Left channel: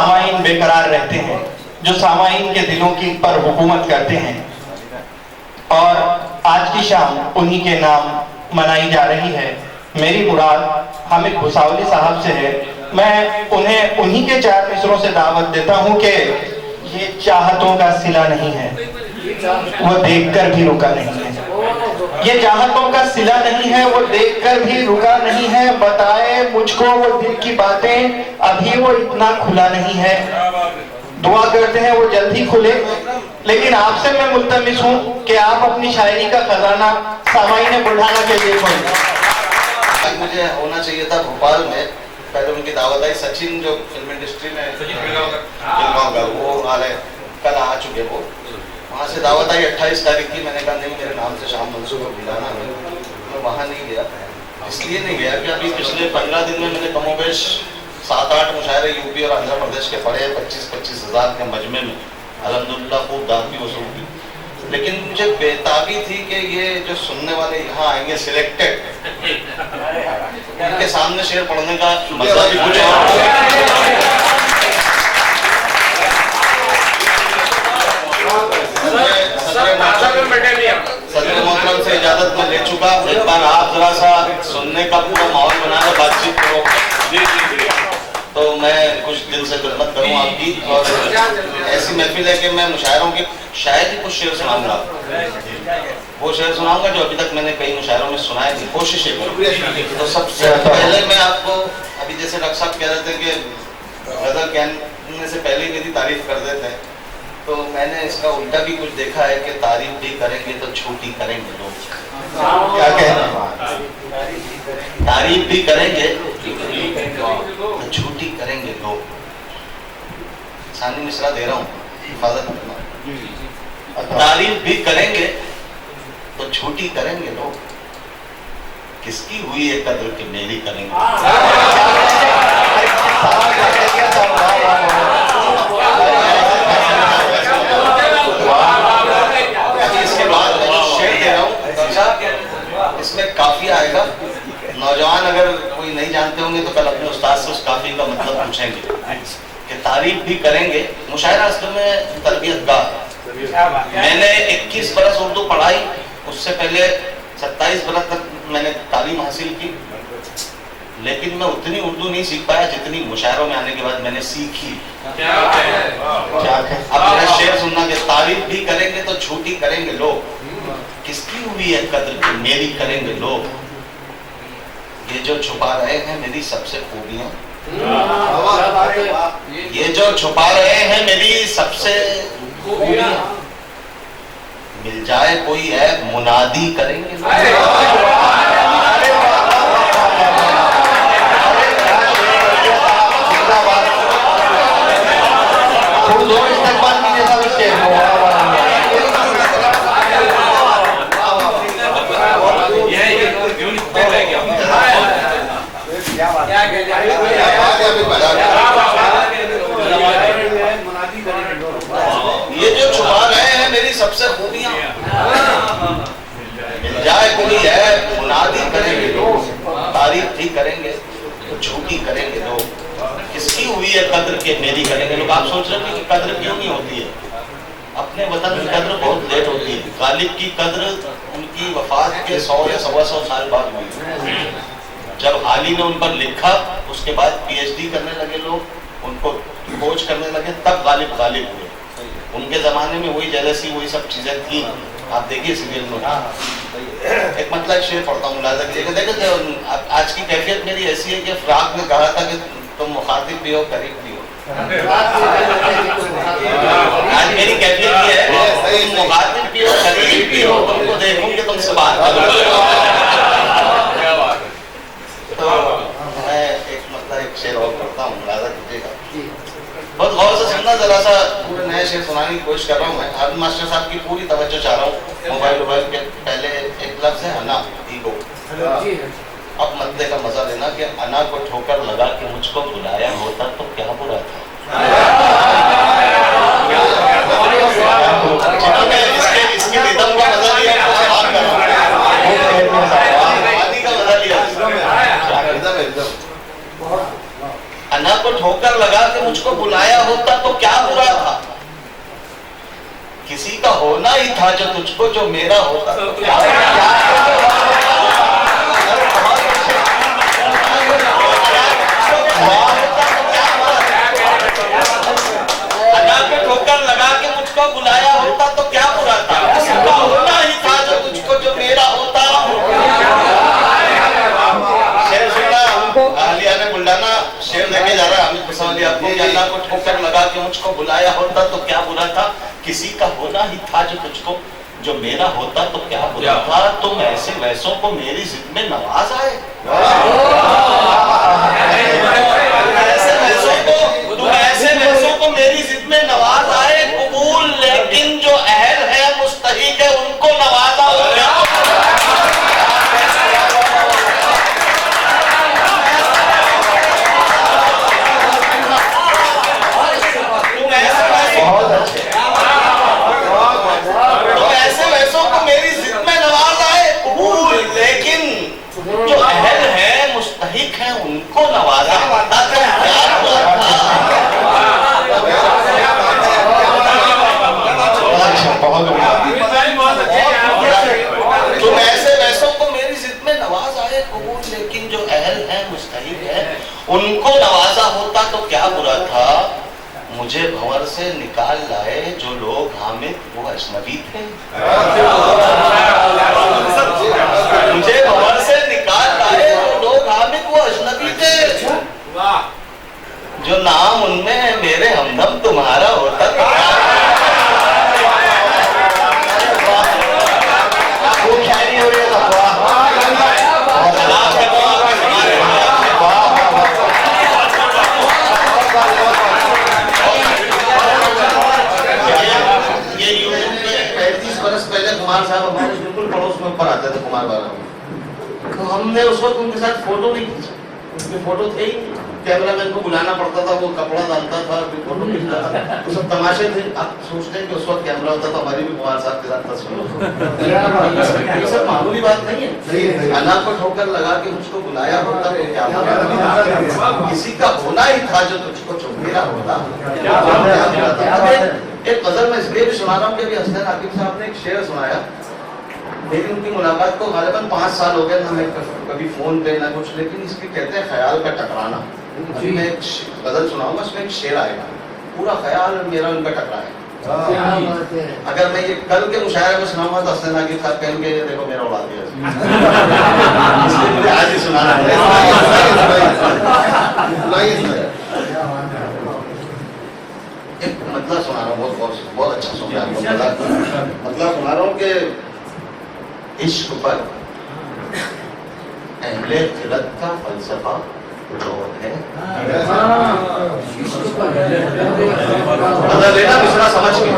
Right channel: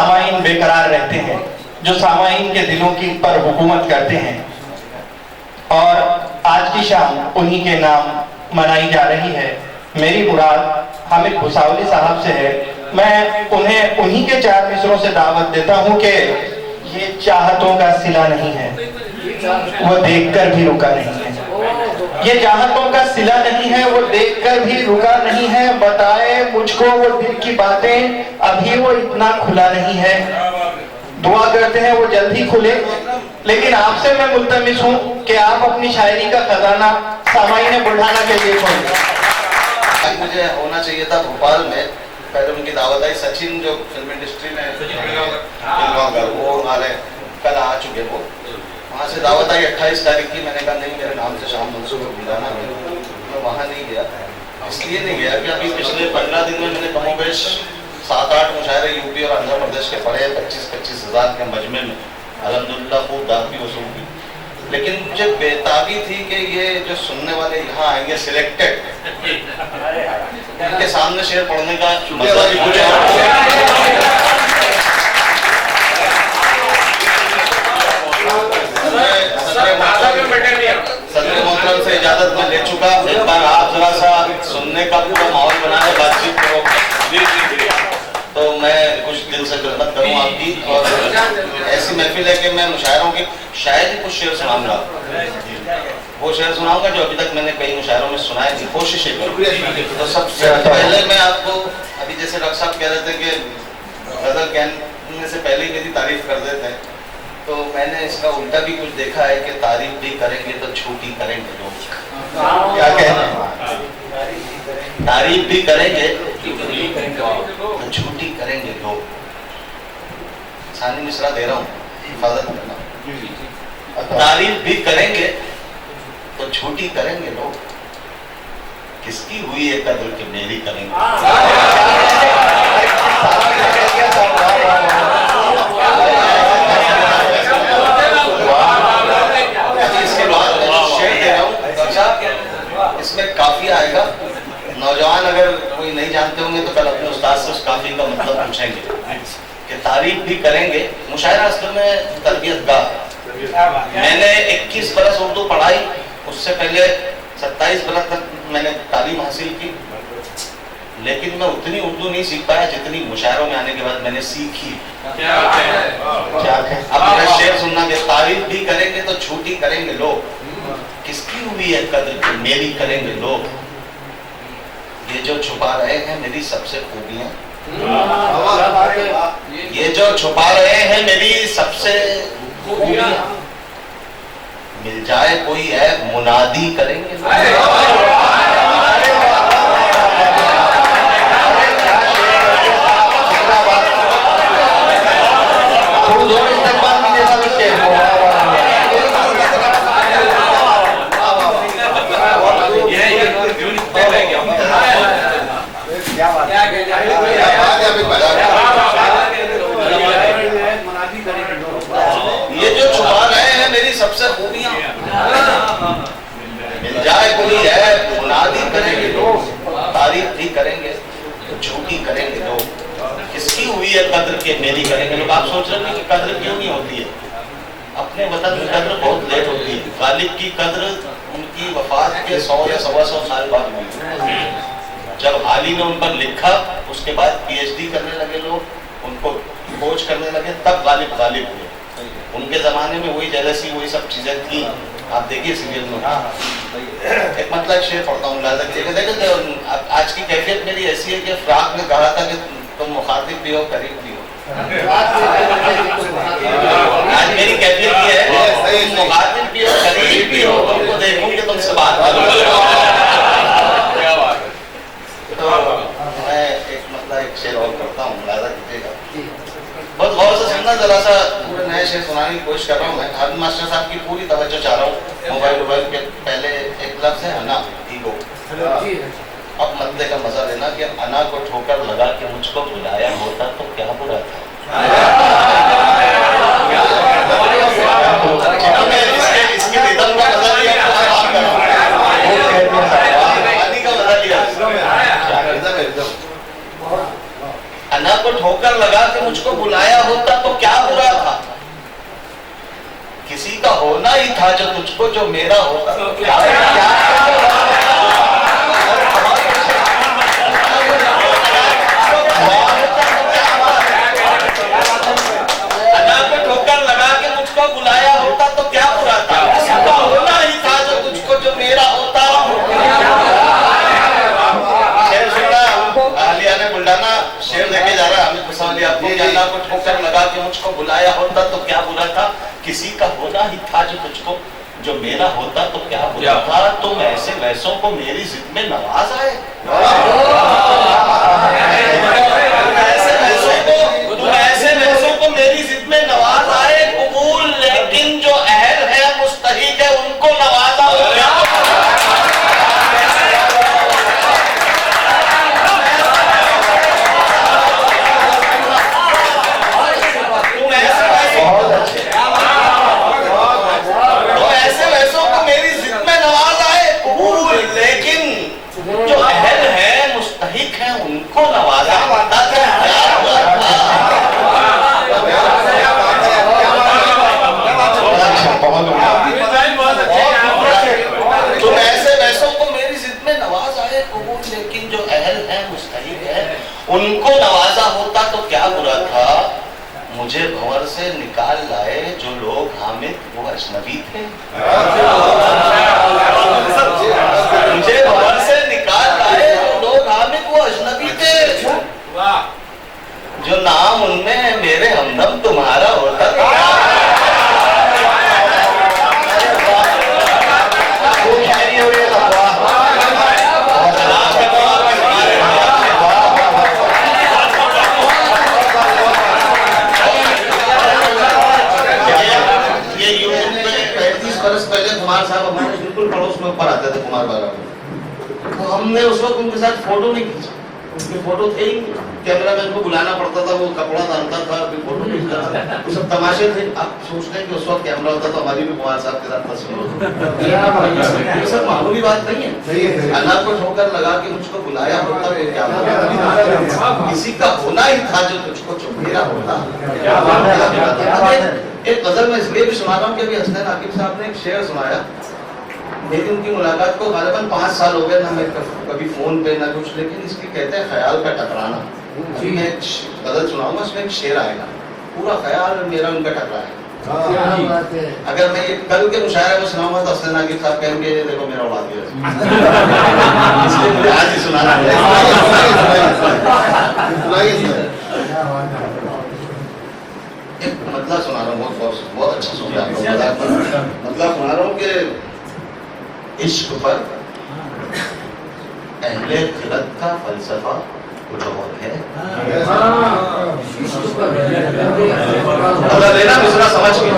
सामाईन बेकरार रहते हैं, जो सामाईन के दिलों की पर हुकूमत करते हैं। और आज की शाम उन्हीं के नाम मनाई जा रही है। मेरी मुराद हामिद भुसावली साहब से है। मैं उन्हें उन्हीं के 4 मिसरों से दावत देता हूं कि ये चाहतों का सिला नहीं है, वो देखकर भी रुका नहीं है। ये चाहतों का सिला नहीं है, वो देखकर भी रुका नहीं है। बताए मुझको वो दिल की बातें, अभी वो इतना खुला नहीं है। दुआ करते हैं वो जल्द ही खुले। लेकिन आपसे मैं मुल्तमिस हूँ कि आप अपनी शायरी का खजाना सामाईन बुल्ढाना के लिए खोलें। मुझे होना चाहिए था भोपाल में, पहले उनकी दावत आई। सचिन जो फिल्म इंडस्ट्री में वो आ रहे, कल आ चुके वो। वहाँ से दावत आई 28 तारीख की। मैंने कहा नहीं, मेरे नाम से शाम मंसूर को बुलाना है। मैं वहाँ नहीं गया, इसलिए नहीं गया कि अभी पिछले 15 दिन में मैंने कमोबेश 7-8 मुशायरे यूपी और आंध्र प्रदेश के पढ़े 25-25 हज़ार के मजमे में। अल्हम्दुलिल्लाह खूब दाद भी वसूल की। लेकिन मुझे बेताबी थी कि ये जो सुनने वाले यहाँ आएंगे सिलेक्टेड, इनके सामने शेर पढ़ने का मजा भी कुछ सदर मोहतरम से इजाजत में ले चुका। एक बार आप जरा सा सुनने का पूरा माहौल बनाए, बातचीत करो। तो मैं कुछ दिल से खिदमत करूँ आपकी, और ऐसी महफिल है कि मैं मुशायरों की शायद ही कुछ शेर सुनाऊंगा। वो शेर सुनाऊंगा जो अभी तक मैंने कई मुशायरों में सुनाए थी, कोशिश करूँ। तो सबसे पहले मैं आपको, अभी जैसे डॉक्टर साहब कह रहे थे कि गजल कहने से पहले ही मेरी तारीफ कर देते हैं, तो मैंने इसका उल्टा भी कुछ देखा है कि तारीफ भी करेंगे तो छोटी करेंगे लोग। क्या कहते हैं? तारीफ भी करेंगे तो छोटी करेंगे लोग। सानी मिश्रा दे रहा हूँ, हिफाजत करना। तारीफ भी करेंगे तो छोटी करेंगे लोग, किसकी हुई है कदर कि मेरी करेंगे। इसमें काफी आएगा। नौजवान अगर कोई नहीं जानते होंगे तो कल अपने उस्ताद से उस काफी का मतलब पूछेंगे कि तारीफ भी करेंगे। मुशायरा असल में तरबियत गाह। मैंने 21 बरस उर्दू पढ़ाई, उससे पहले 27 बरस तक मैंने तालीम हासिल की, लेकिन मैं उतनी उर्दू नहीं सीख पाया जितनी मुशायरों में आने के बाद मैंने सीखी। अब मेरा शेर सुनना कि तारीफ भी करेंगे तो छोटी करेंगे लोग, किसकी हुई है कदर की मेरी करेंगे लोग। ये जो छुपा रहे हैं मेरी सबसे खूबियां, ये जो छुपा रहे हैं मेरी सबसे खूबियां, मिल जाए कोई है मुनादी करेंगे लोग। ये जो छुपा रहे हैं मेरी सबसे खूबियां, मिल जाए कोई है मुनादी करेंगे लोग, तारीफ भी करेंगे तो झूठी करेंगे लोग, किसकी हुई है कद्र के मेरी करेंगे लोग। आप सोच रहे हैं कि कद्र क्यों नहीं होती है? अपने वतन की कद्र बहुत लेट होती है। गालिब की कद्र उनकी वफात के 100 या 125 साल बाद हुई। जब हाली ने उन पर लिखा, उसके बाद पीएचडी करने लगे लोग, उनको खोज करने लगे, तब गालिब हुए। उनके जमाने में वही जेलसी, वही सब चीजें थी। आप देखिए सीरियल में एक मतलब शेर पढ़ता हूँ, देखो आज की कैफियत मेरी ऐसी है कि फ्राक में कहा था कि तुम मुखातिब भी हो करीब भी हो। आज मेरी कैफियत ये है, तुम मुखातिब भी हो करीब भी हो, तुमको देखूंगी तुमसे बात करूंगा। तो मैं एक शेर और पढ़ता हूँ, मुलाजा कीजिएगा। बहुत गौर से सुनना, जरा सा पूरे नए शेर सुनाने की कोशिश कर रहा हूँ मैं। हामिद मास्टर साहब की पूरी तवज्जो चाह रहा हूँ। मोबाइल के पहले एक लफ्ज है अना, ईगो। अब मद्दे का मजा लेना कि अना को ठोकर लगा के मुझको बुलाया होता तो क्या बुरा था। इसके रिदम का मजा लिया, अना को ठोकर लगा के मुझको बुलाया मुझको जो मेरा होता तो क्या ठोकर लगा के मुझको बुलाया होता तो क्या बुरा था? उसका होना ही था जो मुझको जो मेरा होता। शेर सुना अहलिया ने बुल्डाना शेर लेके जा रहा है हामिद कुसौली आपको कि अल्लाह को ठोकर लगा के मुझको बुलाया होता तो क्या बुरा था? किसी का होना ही था जो तुझको जो मेरा होता तो क्या बुरा था? तुम ऐसे वैसों को मेरी जिद में नवाज आए। तुम ऐसे वैसों को मेरी जिद में नवाज आए कबूल, लेकिन जो अहल है मुस्तहिक है उनको नवाजा हो क्या? जो अहल है मुस्तहिक है उनको नवाजा। तुम ऐसे वैसों को मेरी जिद में नवाज आए कबूल, लेकिन जो अहल है मुस्तहिक है उनको नवाजा होता तो क्या बुरा था? मुझे भंवर से निकाल लाए जो लोग हामिद वो अजनबी थे। मुझे भंवर से निकाल लाए जो लोग हामिद वो अजनबी थे। जो नाम उनमें है मेरे हमदम तुम्हारा होता था। कुमार साहब हमारे बिल्कुल पड़ोस में ऊपर आते थे, कुमार बाबा, तो हमने उस वक्त उनके साथ फोटो नहीं खींची। उनके फोटो थे ही, कैमरामैन को बुलाना पड़ता था, वो कपड़ा डालता था, फिर फोटो खींचता था, वो सब तमाशे थे। आप सोचते हैं कि उस वक्त कैमरा होता तो हमारी भी कुमार साहब के साथ तस्वीर होती। सर मामूली बात नहीं है। अल्लाह को ठोकर लगा के मुझको बुलाया होता तो क्या होता? किसी का होना ही था जो तुझको चुपेरा होता। एक गजल में इसलिए भी सुना रहा हूँ कि अभी हसन आकिब साहब ने एक शेर सुनाया। मेरी उनकी मुलाकात को गालिबन 5 साल हो गए, ना मैं कभी फोन पे ना कुछ, लेकिन इसकी कहते हैं ख्याल पे टकराना। मैं एक गजल सुनाऊंगा, उसमें एक शेर आएगा, पूरा ख्याल मेरा उन पे टकराएगा। अगर मैं ये कल के मुशायरे में सुनाऊंगा तो हसन आकिब साहब कहेंगे देखो मेरा उड़ा दिया। इसलिए मुझे आज ही सुनाना है। एक मतलब सुना रहा हूँ, बहुत अच्छा सुन रहा हूँ। मतलब सुना रहा हूँ कि इश्क पर अहले खिलत का फलसफा कुछ और है। देना मिसरा समझ के,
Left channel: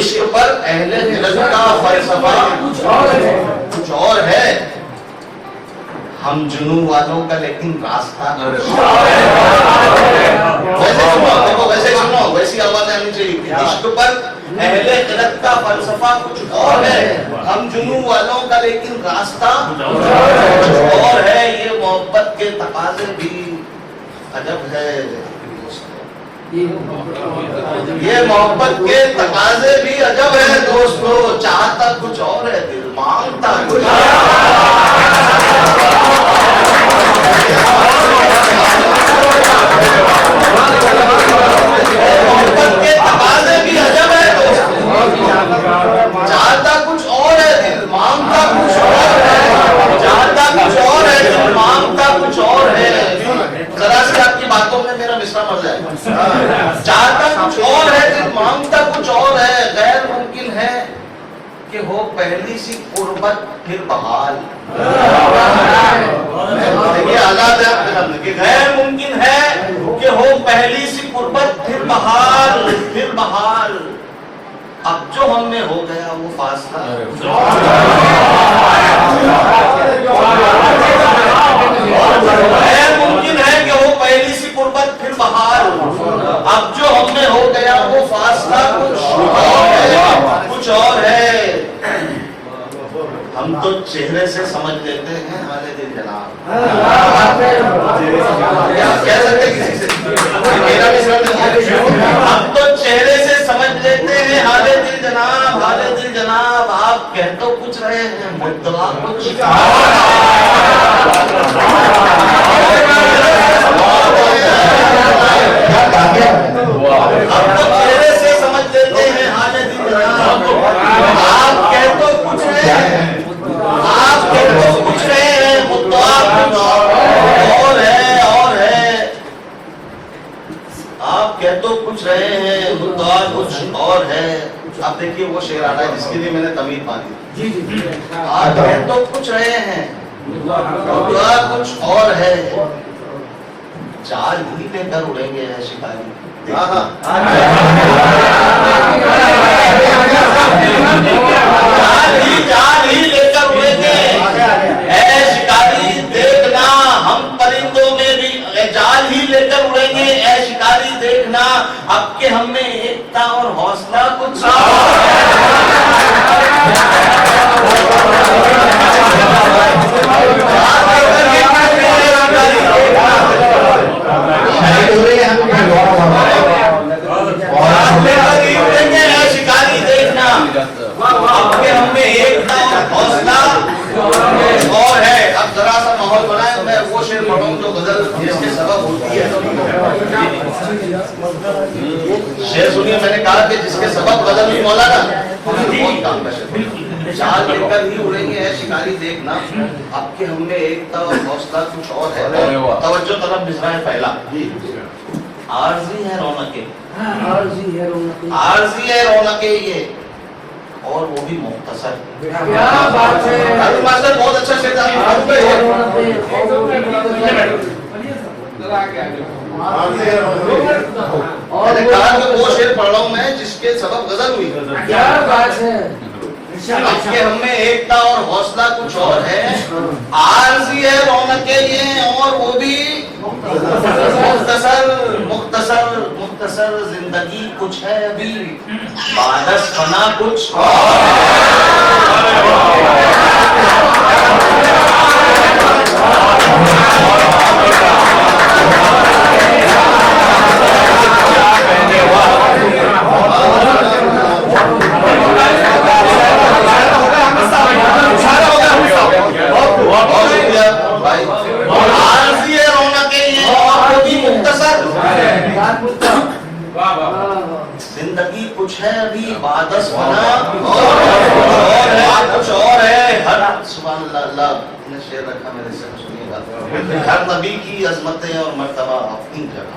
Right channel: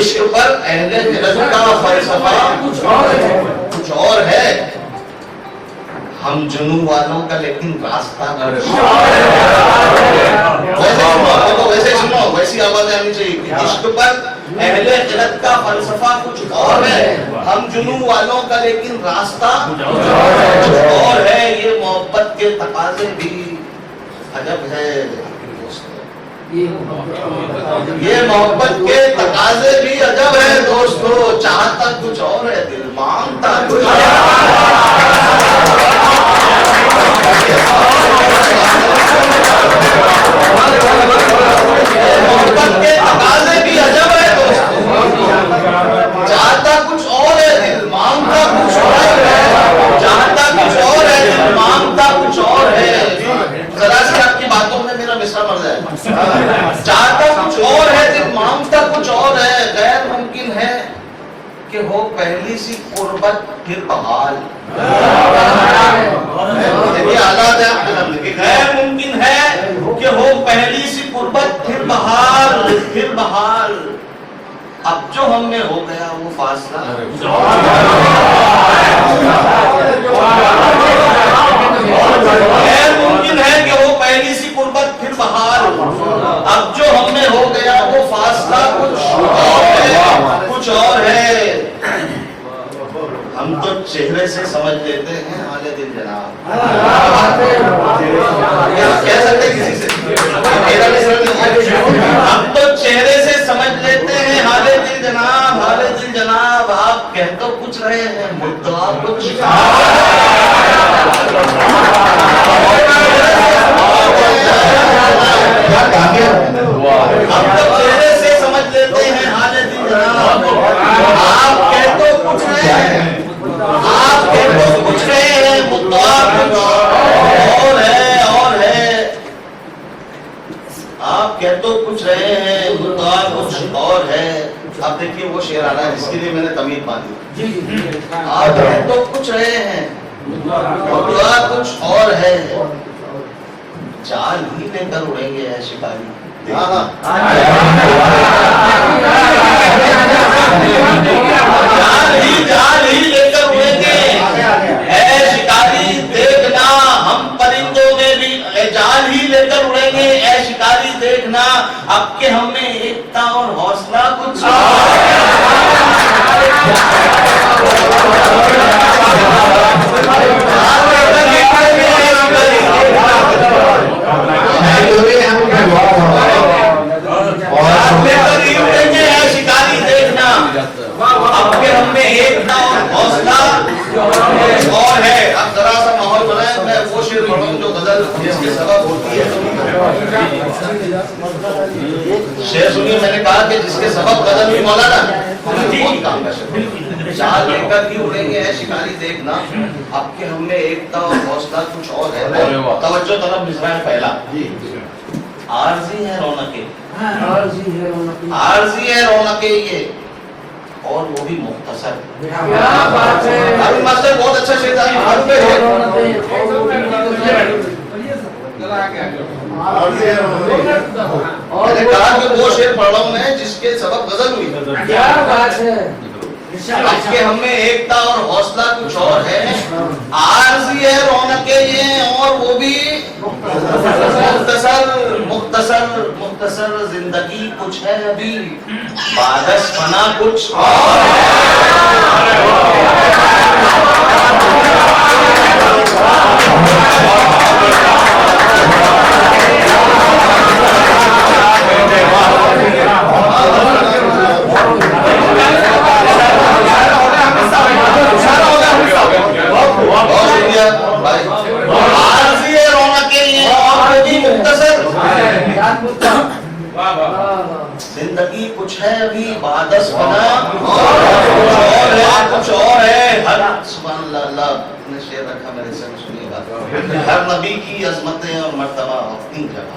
इश्क पर अहले खिलत का फलसफा कुछ और है। हम जुनू वालों का लेकिन रास्ता वैसे सुनो, वैसी आवाजें आनी चाहिए। इश्क पर अहले खिलत का फलसफा कुछ और है, हम जुनू वालों का लेकिन रास्ता कुछ और है। ये मोहब्बत के तकाजे भी अजब है, ये मोहब्बत के तकाजे भी अजब है दोस्तों। चाहता कुछ और है, दिल मांगता कुछ और। मोहब्बत के तकाजे भी अजब है दोस्तों। चाहता कुछ और है, दिल मांगता कुछ और है। चाहता कुछ और है, दिल मांगता कुछ और है। जरा सी आपकी बातों में मेरा मिसरा मर जाए। चाहता कुछ और है, दिल मांगता कुछ और है। गैर मुमकिन है कि हो पहली सी कुर्बत फिर बहाल। देखिए हालात है आपके सामने कि गैर मुमकिन है कि हो पहली सी कुर्बत फिर बहाल, फिर बहाल। अब जो हमने हो गया वो फासला गैर मुमकिन है कि वो पहली सी कुर्बत फिर बहाल। अब जो हमने हो गया वो फासला कुछ और है। हम तो चेहरे से समझ लेते हैं हाले दिल जनाब। कह सकते किसी से हम तो चेहरे से समझ लेते हैं हाले दिल जनाब, हाले दिल जनाब, आप कह तो कुछ रहे हैं, मुद्दा कुछ अब तो चेहरे से समझ लेते हैं हालत। आप कह तो कुछ रहे हैं, आप कह तो कुछ रहे हैं, मुद्दा कुछ और है, और है। आप कह तो कुछ रहे हैं, मुद्दा कुछ और है। अब देखिए वो शेर आ रहा है जिसके लिए मैंने तमीज बांधी। आप कह तो कुछ रहे हैं, मुद्दा कुछ और है। चाल ही लेकर उड़ेंगे है शिकारी। जाल ही लेकर उड़ेंगे है शिकारी, देखना हम परिंदों में भी जाल ही लेकर उड़ेंगे है शिकारी, देखना अब के हम में एकता और हौसला कुछ शिकारी, देखना अब के हम में एकता और हौसला और है। अब जरा सा माहौल बनाए, मैं वो शेर पढ़ूं जो गजल जिसके सबब होती है। शेर सुनिए, मैंने कहा कि जिसके सबब गजल ही मौलाना चाल लेकर ही उड़ेंगे है शिकारी, देखना अब के हम में एकता और हौसला कुछ और है। तवज्जो तरफ मिसरा है पहला। आरजी है रौनके, आरजी है रौनके ये, और वो भी मुख्तसर। अभी मास्टर बहुत अच्छा शेर था। मैंने कहा कि वो शेर पढ़ रहा हूँ मैं जिसके सबब गजल हुई। क्या बात है। आज के हमें एकता और हौसला कुछ और है। आरजी है रौनके ये, और वो भी मुख्तसर। मुख्तसर मुख्तसर जिंदगी कुछ है अभी, बादस फना कुछ आरजी है रौनके ये, और वो भी मुख्तसर जिंदगी कुछ है अभी, बादस फना कुछ और है। हर सुभान अल्लाह ने शेर रखा मेरे से, सुनिएगा। हर नबी की अजमतें और मर्तबा अपनी जगह,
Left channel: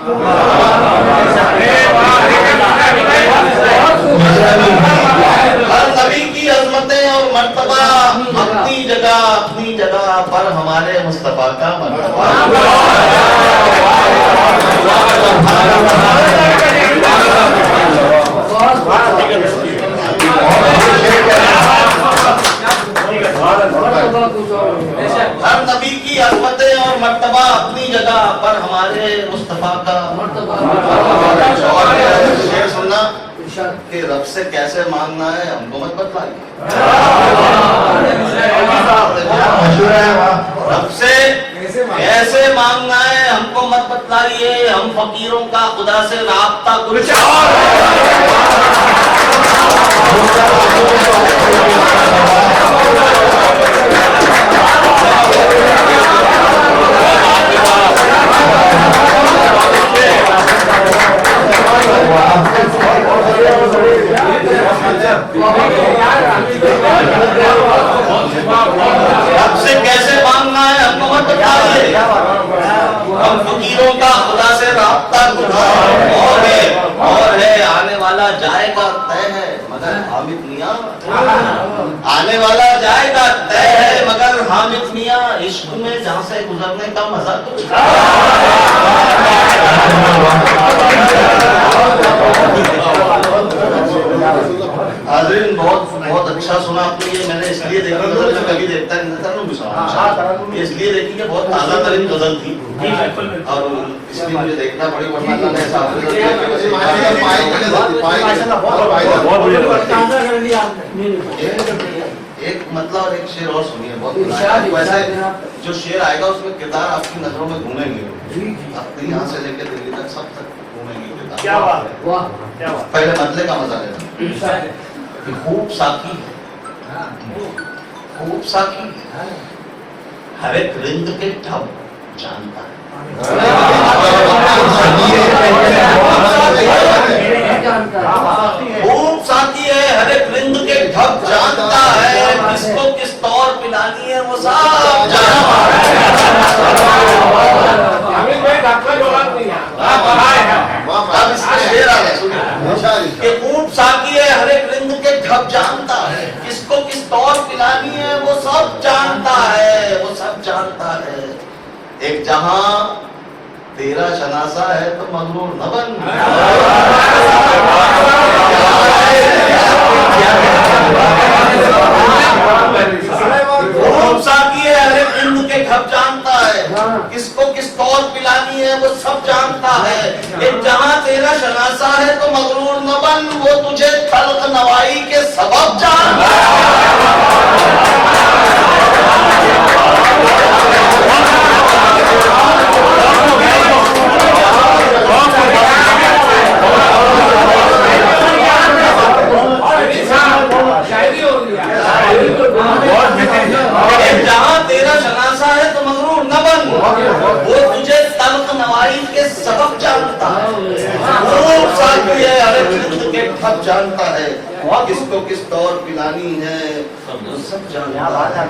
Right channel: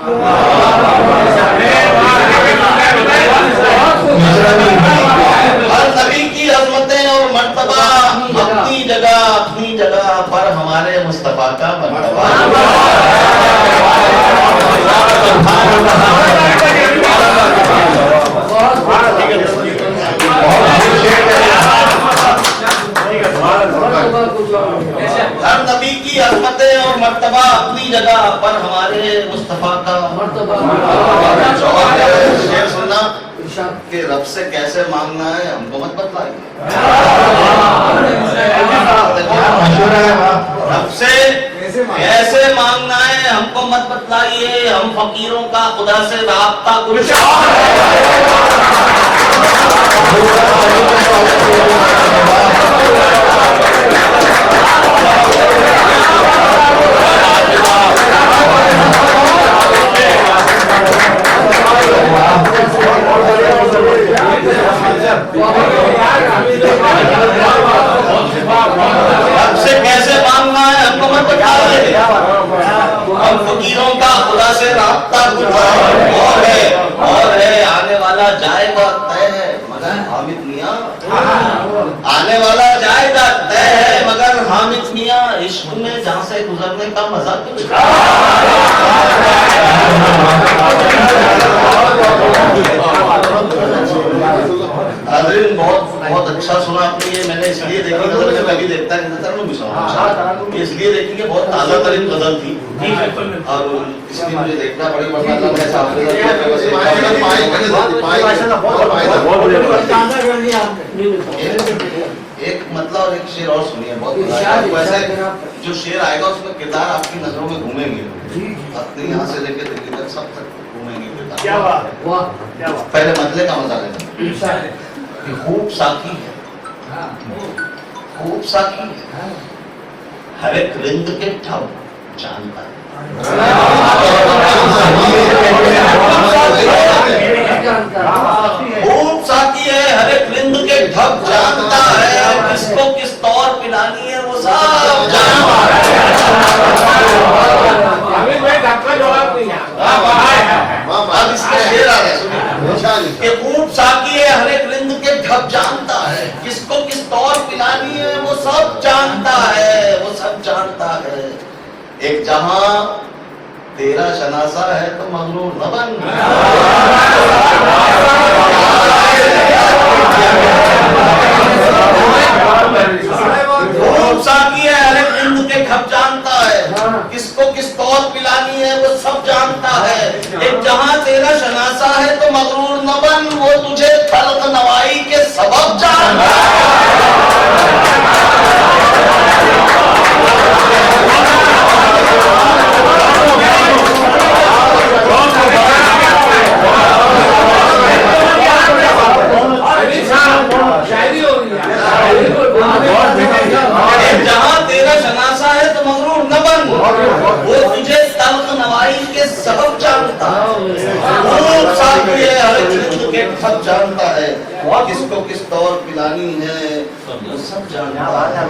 हर नबी की अजमतें और मर्तबा अपनी जगह पर हमारे मुस्तफा का मर्तबा। हर नबी की अजमतें और मर्तबा अपनी जगह पर हमारे मुस्तफा का मर्तबा। शेर सुनना कि रब से कैसे मांगना है हमको मत बतलाइए। रब से कैसे मांगना है हमको मत बतलाइए, हम फकीरों का खुदा से राब्ता कुछ रब से कैसे मांगना है हमको मत बताइए, हम फकीरों का खुदा से राब्ता कुछ और है। आने वाला जाएगा तय है मगर हामिद मियां, आने वाला जाएगा तय है मगर हामिद मियां, इश्क में जहां से गुजरने का मजा कुछ। हाज़रीन बहुत अच्छा सुना आपने। ये मैंने इसलिए देखी, गजल में कभी देखता नहीं था, इसलिए देखी कि बहुत ताज़ा तरीन गजल थी और इसलिए मुझे देखना पड़ी। वरना एक मतलब और एक शेर और सुनिए, बहुत वैसे जो शेर आएगा उसमें किरदार आपकी नजरों में घूमेंगे, अपने यहाँ से लेकर दिल्ली तक सब तक घूमेंगे किरदार। क्या बात, वाह क्या बात। पहले मतले का मजा लेना। खूब साकी है खूब साकी हर एक रिंद के ठप जानता है। खूब साकी है हर एक रिंद के ठप जानता है, किसको किस तौर पिलानी है वो सब जानता है। अब इसमें शेर आ गया, सुनिए। कि खूब साकी है हर एक रिंद के ढप जानता है, किसको किस तौर पिलानी है वो सब जानता है, वो सब जानता है। एक जहां तेरा शनासा है तो मगरूर न बन। खूब साकी है हर एक रिंद के ढप जानता है, किसको किस तौर पिलानी है वो सब जानता है। एक जहां तेरा शनासा है तो मगरूर न बन, वो तुझे तल्ख नवाई के सबब जानता है। जहां तेरा शनासा है तो मगरूर न बन, वो तुझे तल्ख नवाई के सबब जानता है। खूब साकी है हर एक रिंद के ठप जानता है, किसको किस तौर पिलानी है वो सब जानता है।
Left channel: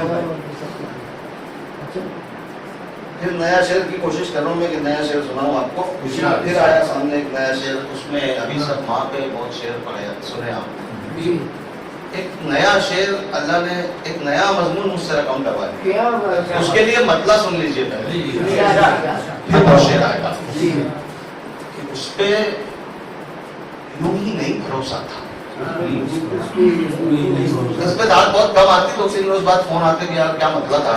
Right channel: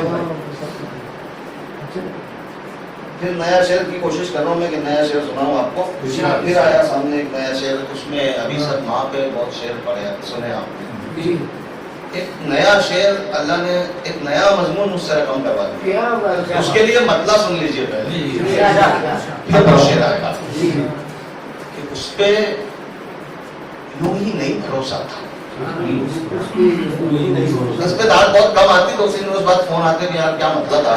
फिर नया शेर की कोशिश कर रहा हूँ मैं कि नया शेर सुनाऊं आपको। फिर आया सामने एक नया शेर, उसमें अभी सब माँ पे बहुत शेर पढ़े सुने आपने। एक नया शेर अल्लाह ने एक नया मजमून मुझसे रकम करवा दिया, उसके लिए मतलब सुन लीजिए पहले, फिर वो शेर आएगा कि उस पे यूं ही नहीं भरोसा था। इस पे दाद बहुत कम आती, तो उसी रोज बाद फोन आते कि यार क्या मतलब था।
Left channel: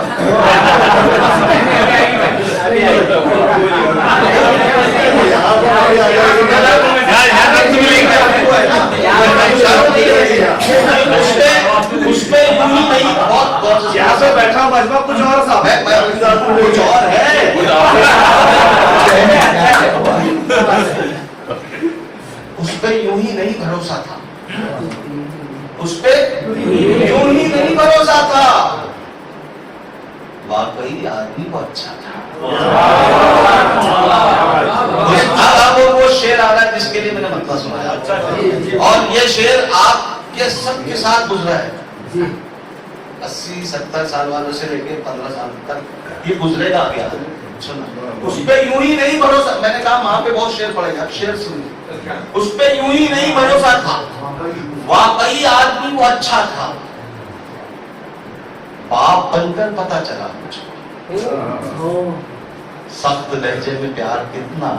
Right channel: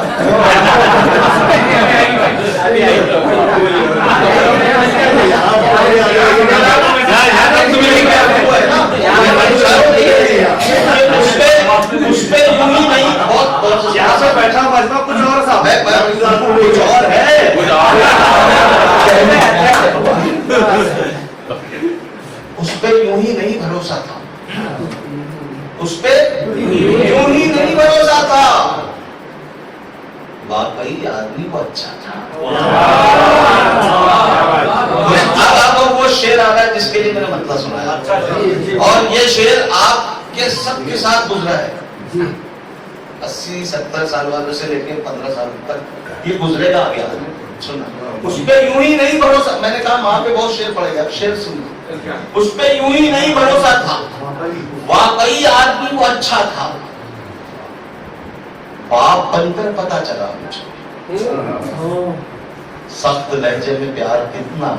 उस पे यूं ही नहीं, बहुत यहाँ से बैठा हूँ मजमा कुछ और सा कुछ और है। उस पे यूं ही नहीं भरोसा था, उस पे यूं ही नहीं भरोसा था, वाकई आदमी को अच्छा था। अब वो शेर आ रहा है जिसके लिए मैंने मतलब सुनाया, और ये शेर आपके सबके साथ गुजरा है। 80-70 साल वालों से लेके 15 साल तक ये गुजरेगा आगे। सुनना, उस पे यूं ही नहीं भरोसा, मैंने कहा वहां पे बहुत शेर पड़ेगा, शेर सुनिए। उस पे यूं ही नहीं भरोसा था, वाकई आदमी वो अच्छा था, बाप बनकर पता चला मुझे सख्त लहजे में प्यार कितना।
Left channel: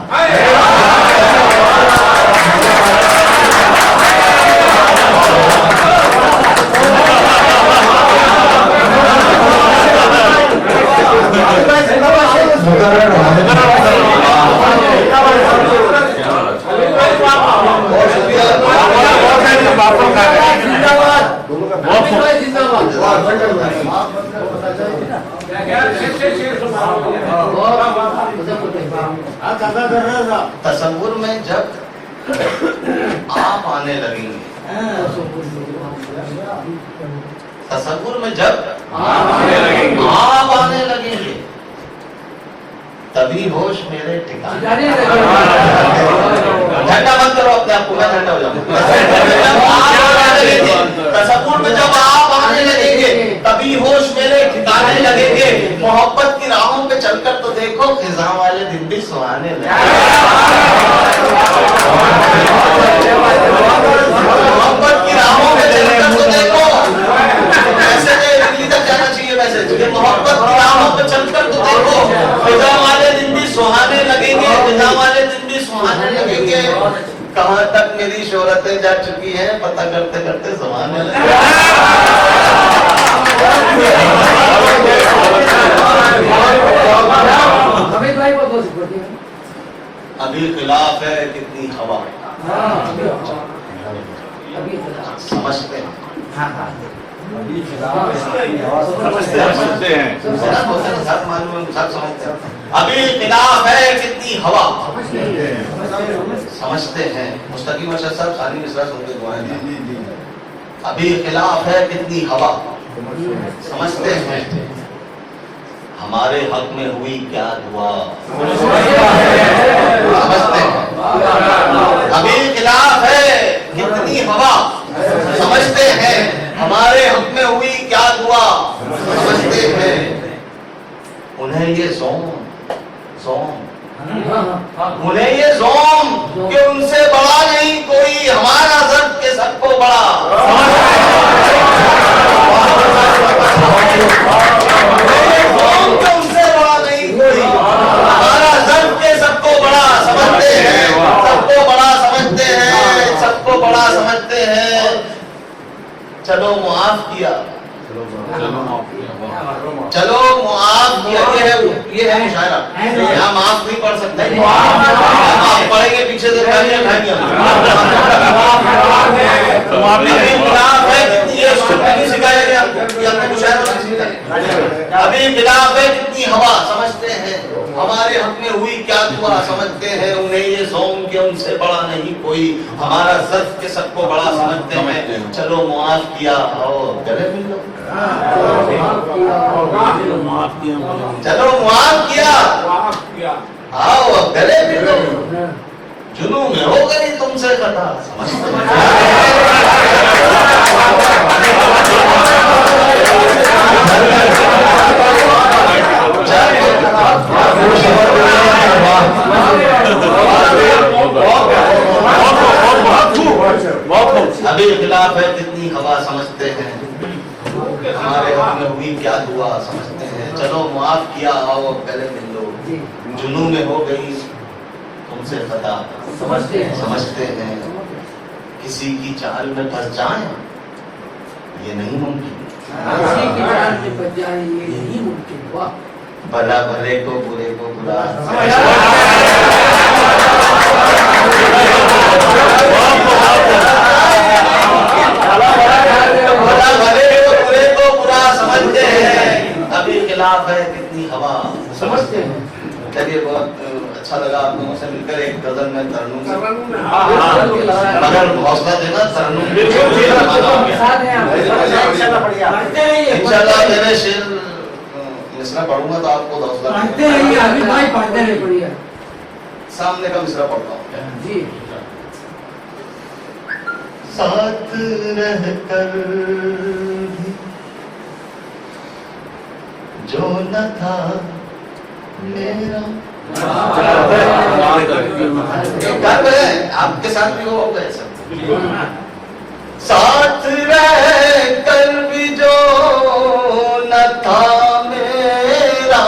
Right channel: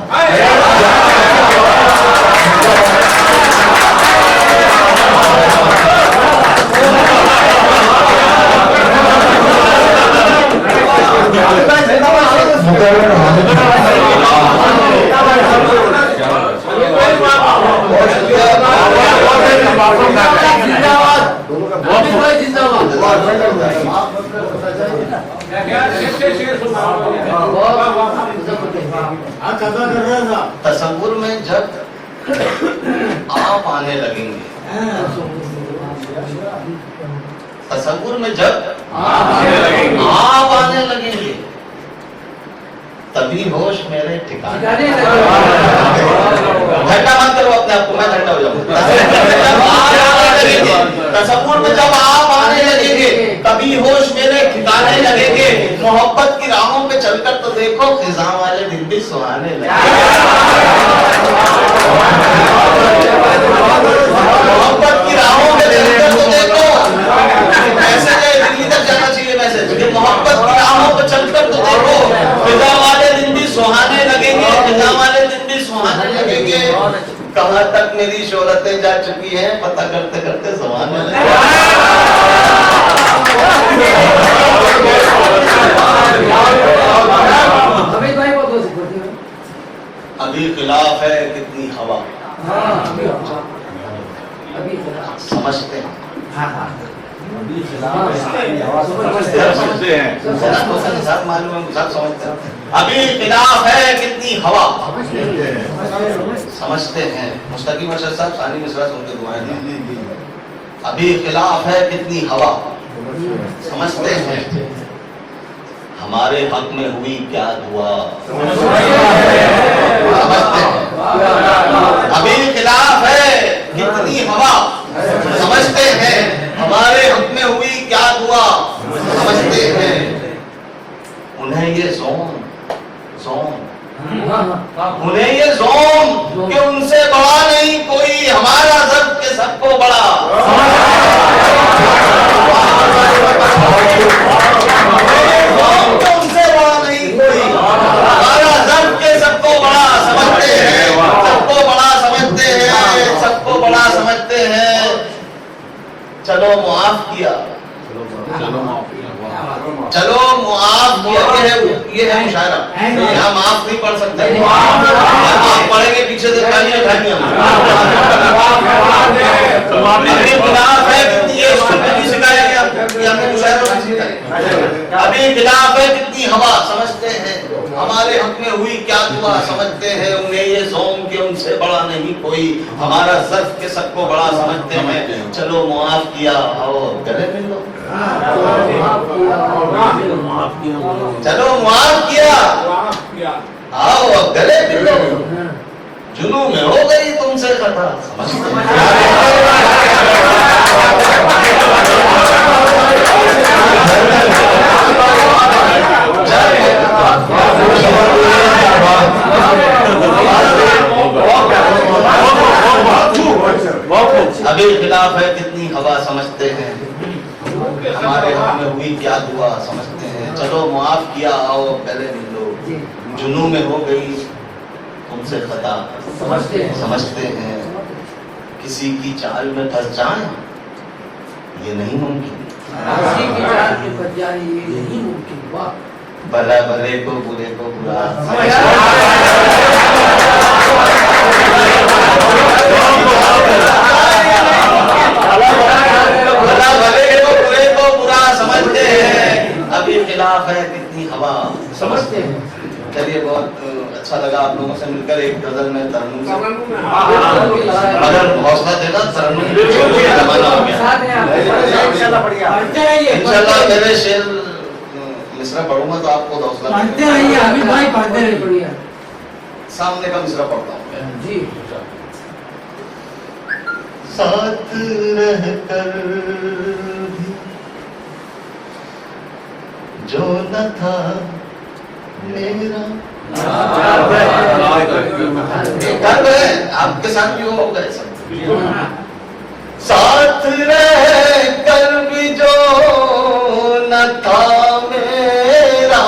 तसव्वुर में जब आप आने लगेंगे, तसव्वुर में जब आप आने लगेंगे, तभी होश मेरे ठिकाने। ठंडा मत करो अपने आप को, मैं ठंडा हो जाऊंगा। तसव्वुर में जब आप आने लगेंगे, तभी होश मेरे ठिकाने लगेंगे। मोहब्बत की राहों पे चलकर तो देखो, खिज़ां वाले दिन भी सुहाने लगे। मोहब्बत की राहों पे चलकर तो देखो, ऐसे दिल्ली तक जाना चाहिए वैसे, मोहब्बत की राहों पे चलकर तो देखो, खिज़ां वाले दिन भी सुहाने लगेंगे, खिज़ां वाले दिन भी सुहाने लगेंगे। कहां तक मेरी शोहरतें जा चुकी हैं, पता करते करते ज़माने लगे। अभी खिलाफ है कितनी हवा, समझते हैं, मालूम है, समझते हैं। अभी खिलाफ है कितनी हवा, समझते हैं। मुस्तकीम अरशद साहब सानी मिसरा सुन के दुआएं था। अभी खिलाफ है कितनी हवा, समझते हैं हमारे हक में हुई क्या दुआ, समझते हैं अभी खिलाफ है कितनी हवा, समझते हैं हमारे हक में हुई क्या दुआ, समझते हैं उन्हें ये ज़ोम उन्हें ये ज़ोम कि उनसे बड़ा नहीं कोई, हमारा ज़र्फ के सबको बड़ा, उनसे बड़ा नहीं कोई, हमारा ज़र्फ के सबको बड़ा, समझते हैं सबको बड़ा समझते हैं, सबको बड़ा समझते हैं। चलो मुआफ किया, चलो मुआफ किया, ये है मुशायरा, यहाँ माफ नहीं पढ़ सकते, माफ पढ़ेंगे पीछे से गालियां खाएंगे ये नहीं सिखाया गया, हमने मुशायरा नहीं सिखाया। अभी खिलाफ है कितनी हवा, समझते हैं हमारे हक में हुई क्या दुआ, समझते हैं उन्हें ये ज़ोम के उनसे बड़ा नहीं कोई, हमारा ज़र्फ के सबको बड़ा, समझते हैं चलो मुआफ किया आओ गले मिल लो, चलो मुआफ किया आओ अब गले मिल लो, जुनू में हो गई तुमसे कथा, अभी खिलाफ है कितनी हवा, समझते हैं हमारे हक में हुई क्या दुआ, समझते हैं चलो मुआफ किया आओ गले मिल लो, जुनू में हो गई तुमसे खता, समझते हैं किसी की चाल में फंस जाए ये नहीं मुमकिन, भला भले को बुरे को बुरा, भला भले को बुरे को बुरा, समझते हैं अभी खिलाफ है कितनी हवा, समझते हैं। चलिए बहुत अच्छा लगा आप लोगों से मिलकर, एक गजल में तरन्नुम मगर हौसला देना, तरन्नुम इंशाल्लाह मेरे शेर मिसरा पढ़ूंगा तो आपको हौसला सामने का मिसरा पढ़ता हूँ। साथ रहकर भी जो न था मेरा, आपके साथ भी वो हो गए सब, साथ रह कर भी जो न था मेरा,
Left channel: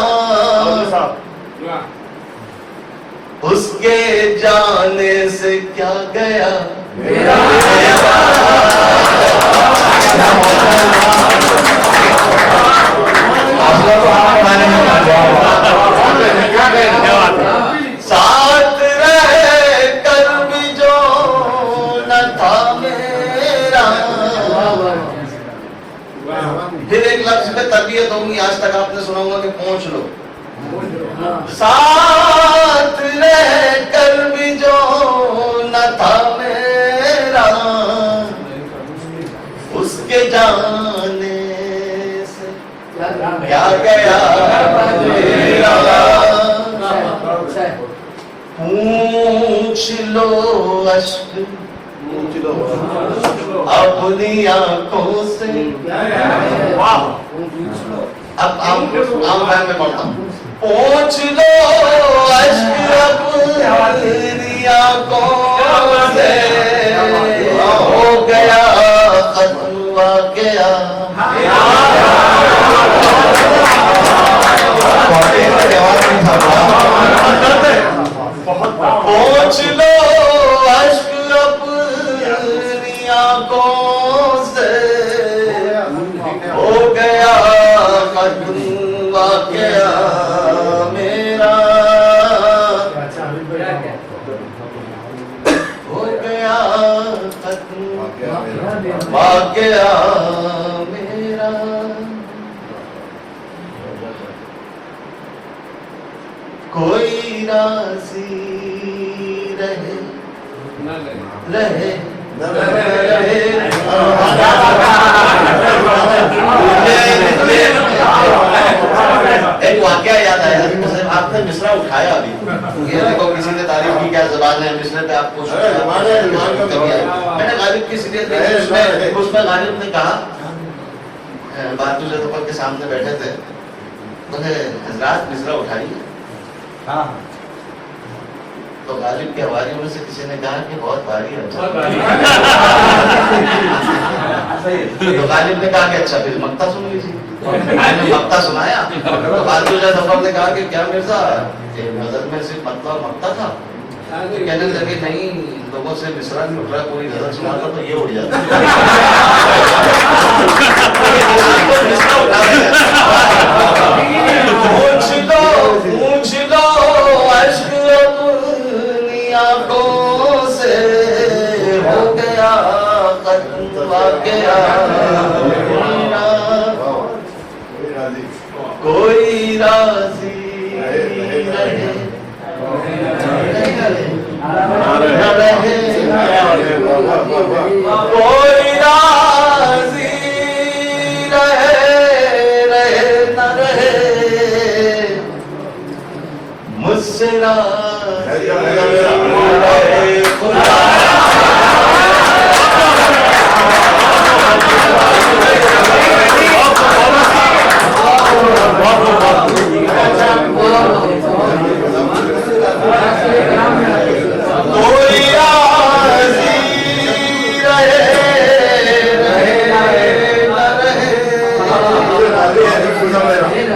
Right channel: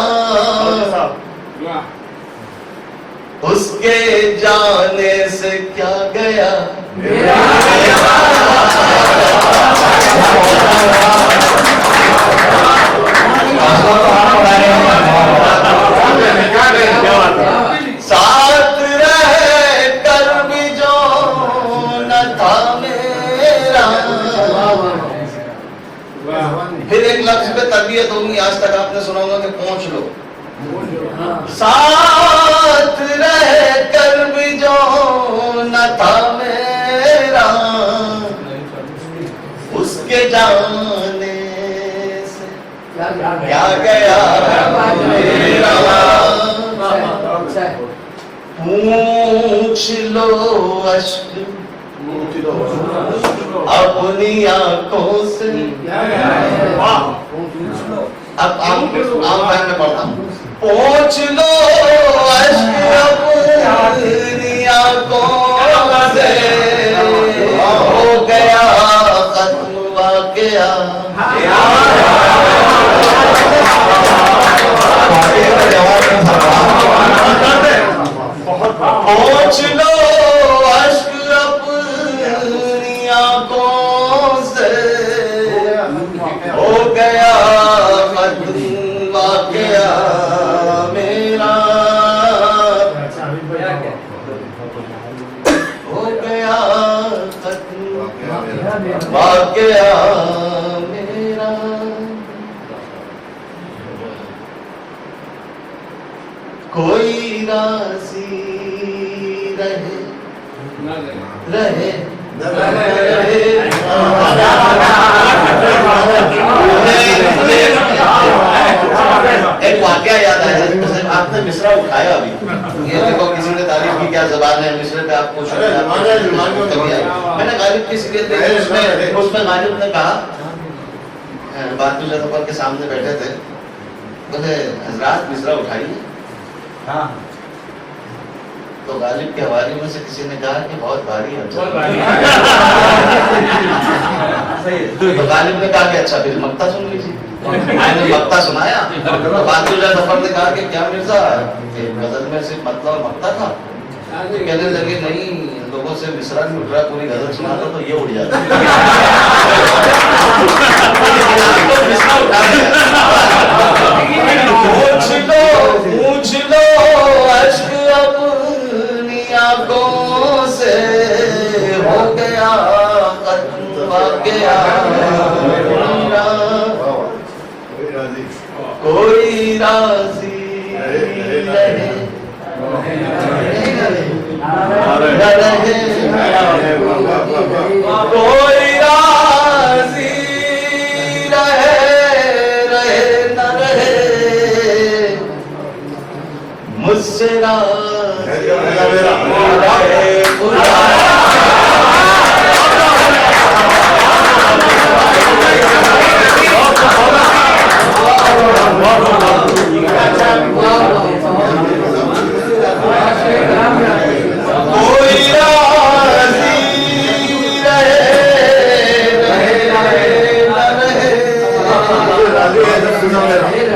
उसके जाने से क्या गया मेरा, साथ रह कर भी जो न था मेरा। फिर एक लफ्ज पे तरबियत होगी, आज तक आपने सुना होगा कि पहुंच लो, साथ रह कर भी जो न था मेरा, उसके जाने से क्या गया मेरा, पूछ लो अश्क अपनी आंखों से, अब आम भाई में पढ़ता हूँ, पूछ लो अश्क अपनी आंखों से, हो गया खत्म वाक़या, पूछ लो अश्क अपनी आंखों से, हो गया खत्म वाक़या मेरा, हो गया खत्म वाक़या मेरा। कोई राज़ी रहे रहे रहे आया अभी। ये देखो किसी ने तारीफ की, क्या जबान है मिसरे पे आपको मैंने गालिब की सीरियल देखी, उसमें गालिब ने कहा, बातू जफर के सामने बैठे थे, बोले हजरात मिसरा उठाइए। हाँ। तो गालिब के हवाले में से किसी ने कहा कि बहुत भारी है। तो गालिब ने कहा कि अच्छा फिर मक्ता सुन लीजिए। मैंने मक्ता सुनाया तो बातू जफर ने कहा कि क्या मिर्जा गजल में सिर्फ मतला और मक्ता था? कहने लगे नहीं, लोगों से मिसरा नहीं उठ रहा, पूरी गजल सुनाता तो ये उड़ जाता। पूछ लो अश्क अपनी आंखों से, हो गया खत्म आ गया, कोई राजी रहे न रहे, कोई राजी रहे न रहे, मुझसे राजी रहे खुदा।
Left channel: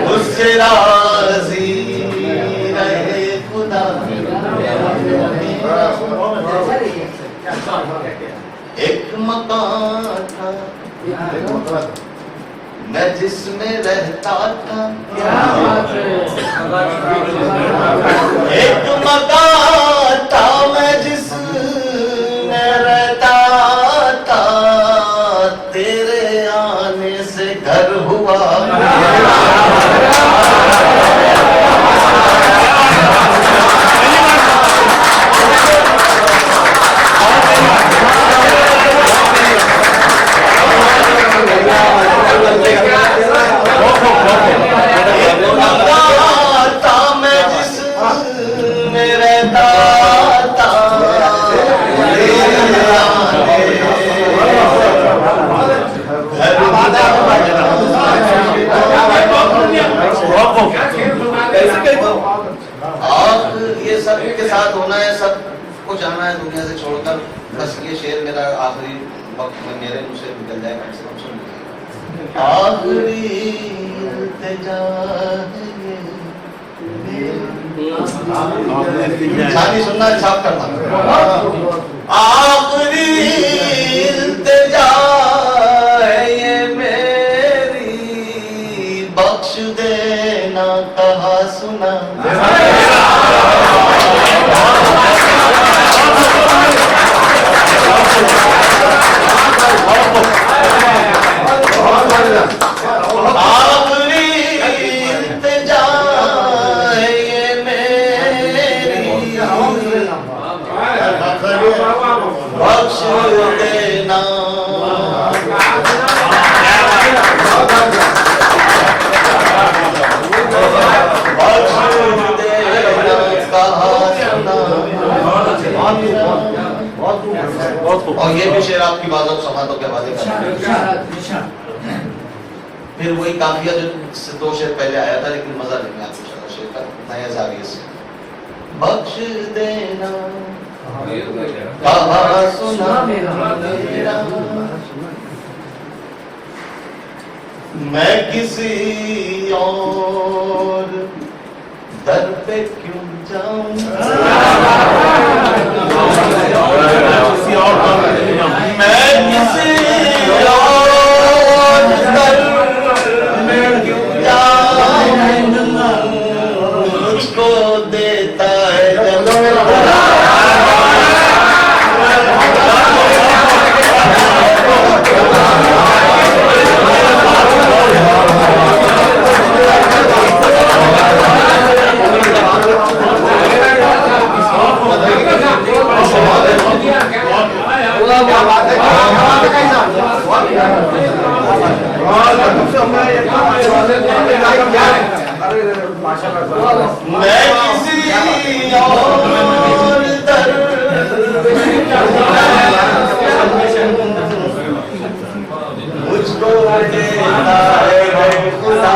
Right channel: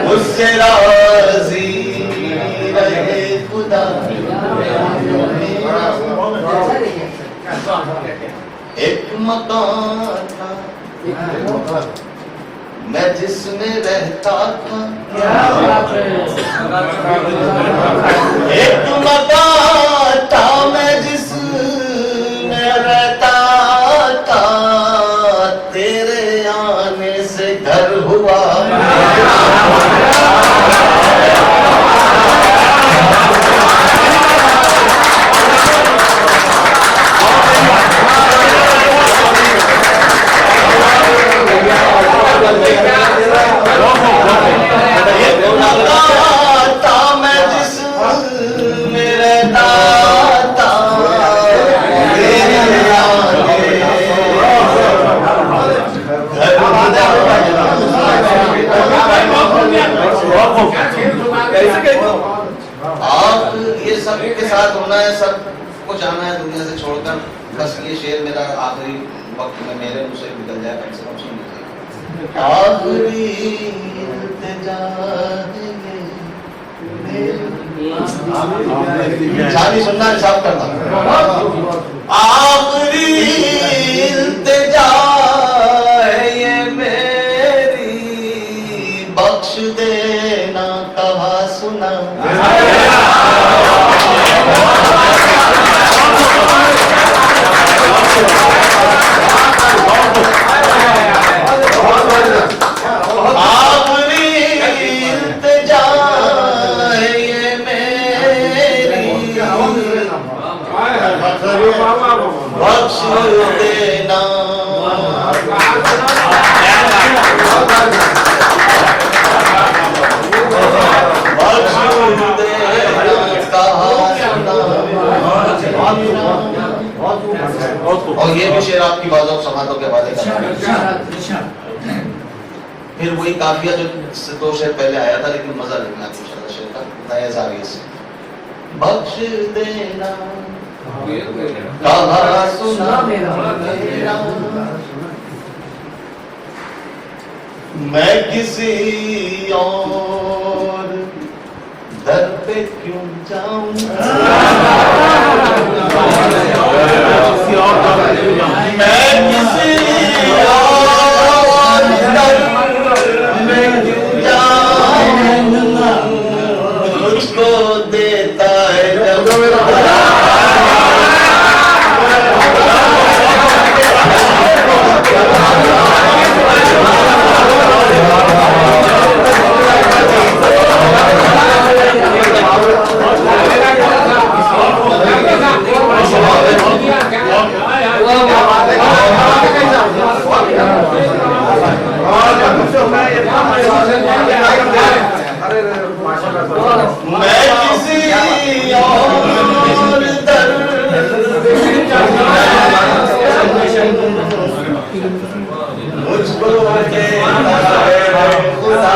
मुझसे राजी रहे खुदा। एक मकान था मैं जिसमें रहता था, एक मकान था मैं जिसमें रहता था, तेरे आने से घर हुआ। आप ये सब के साथ होना है, सब को जाना है दुनिया से छोड़कर, बस ये शेर मेरा आखिरी वक्त में मेरे मुंह से निकल जाए, कम से कम सुन लीजिए। आखिरी इल्तिजा शादी सुनना छाप करना। आखिरी इल्तिजा ये मेरी, बख्श देना कहा सुना। आखिरी इल्तिजा ये मेरी, बख्श देना और ये भी शेर आपकी बातों समातों के हवाले का। फिर वही काफिया जो 2 शेर पहले आया था, लेकिन मजा लेंगे आपको चला शेर का नया जाविये से। बख्श देना कहा सुना मेरा, मैं किसी और दर पे क्यों जाऊं, मैं किसी और दर पे क्यों जाऊं, मुझको देता है जब मैं किसी और दर्द मुझको देता है खुदा।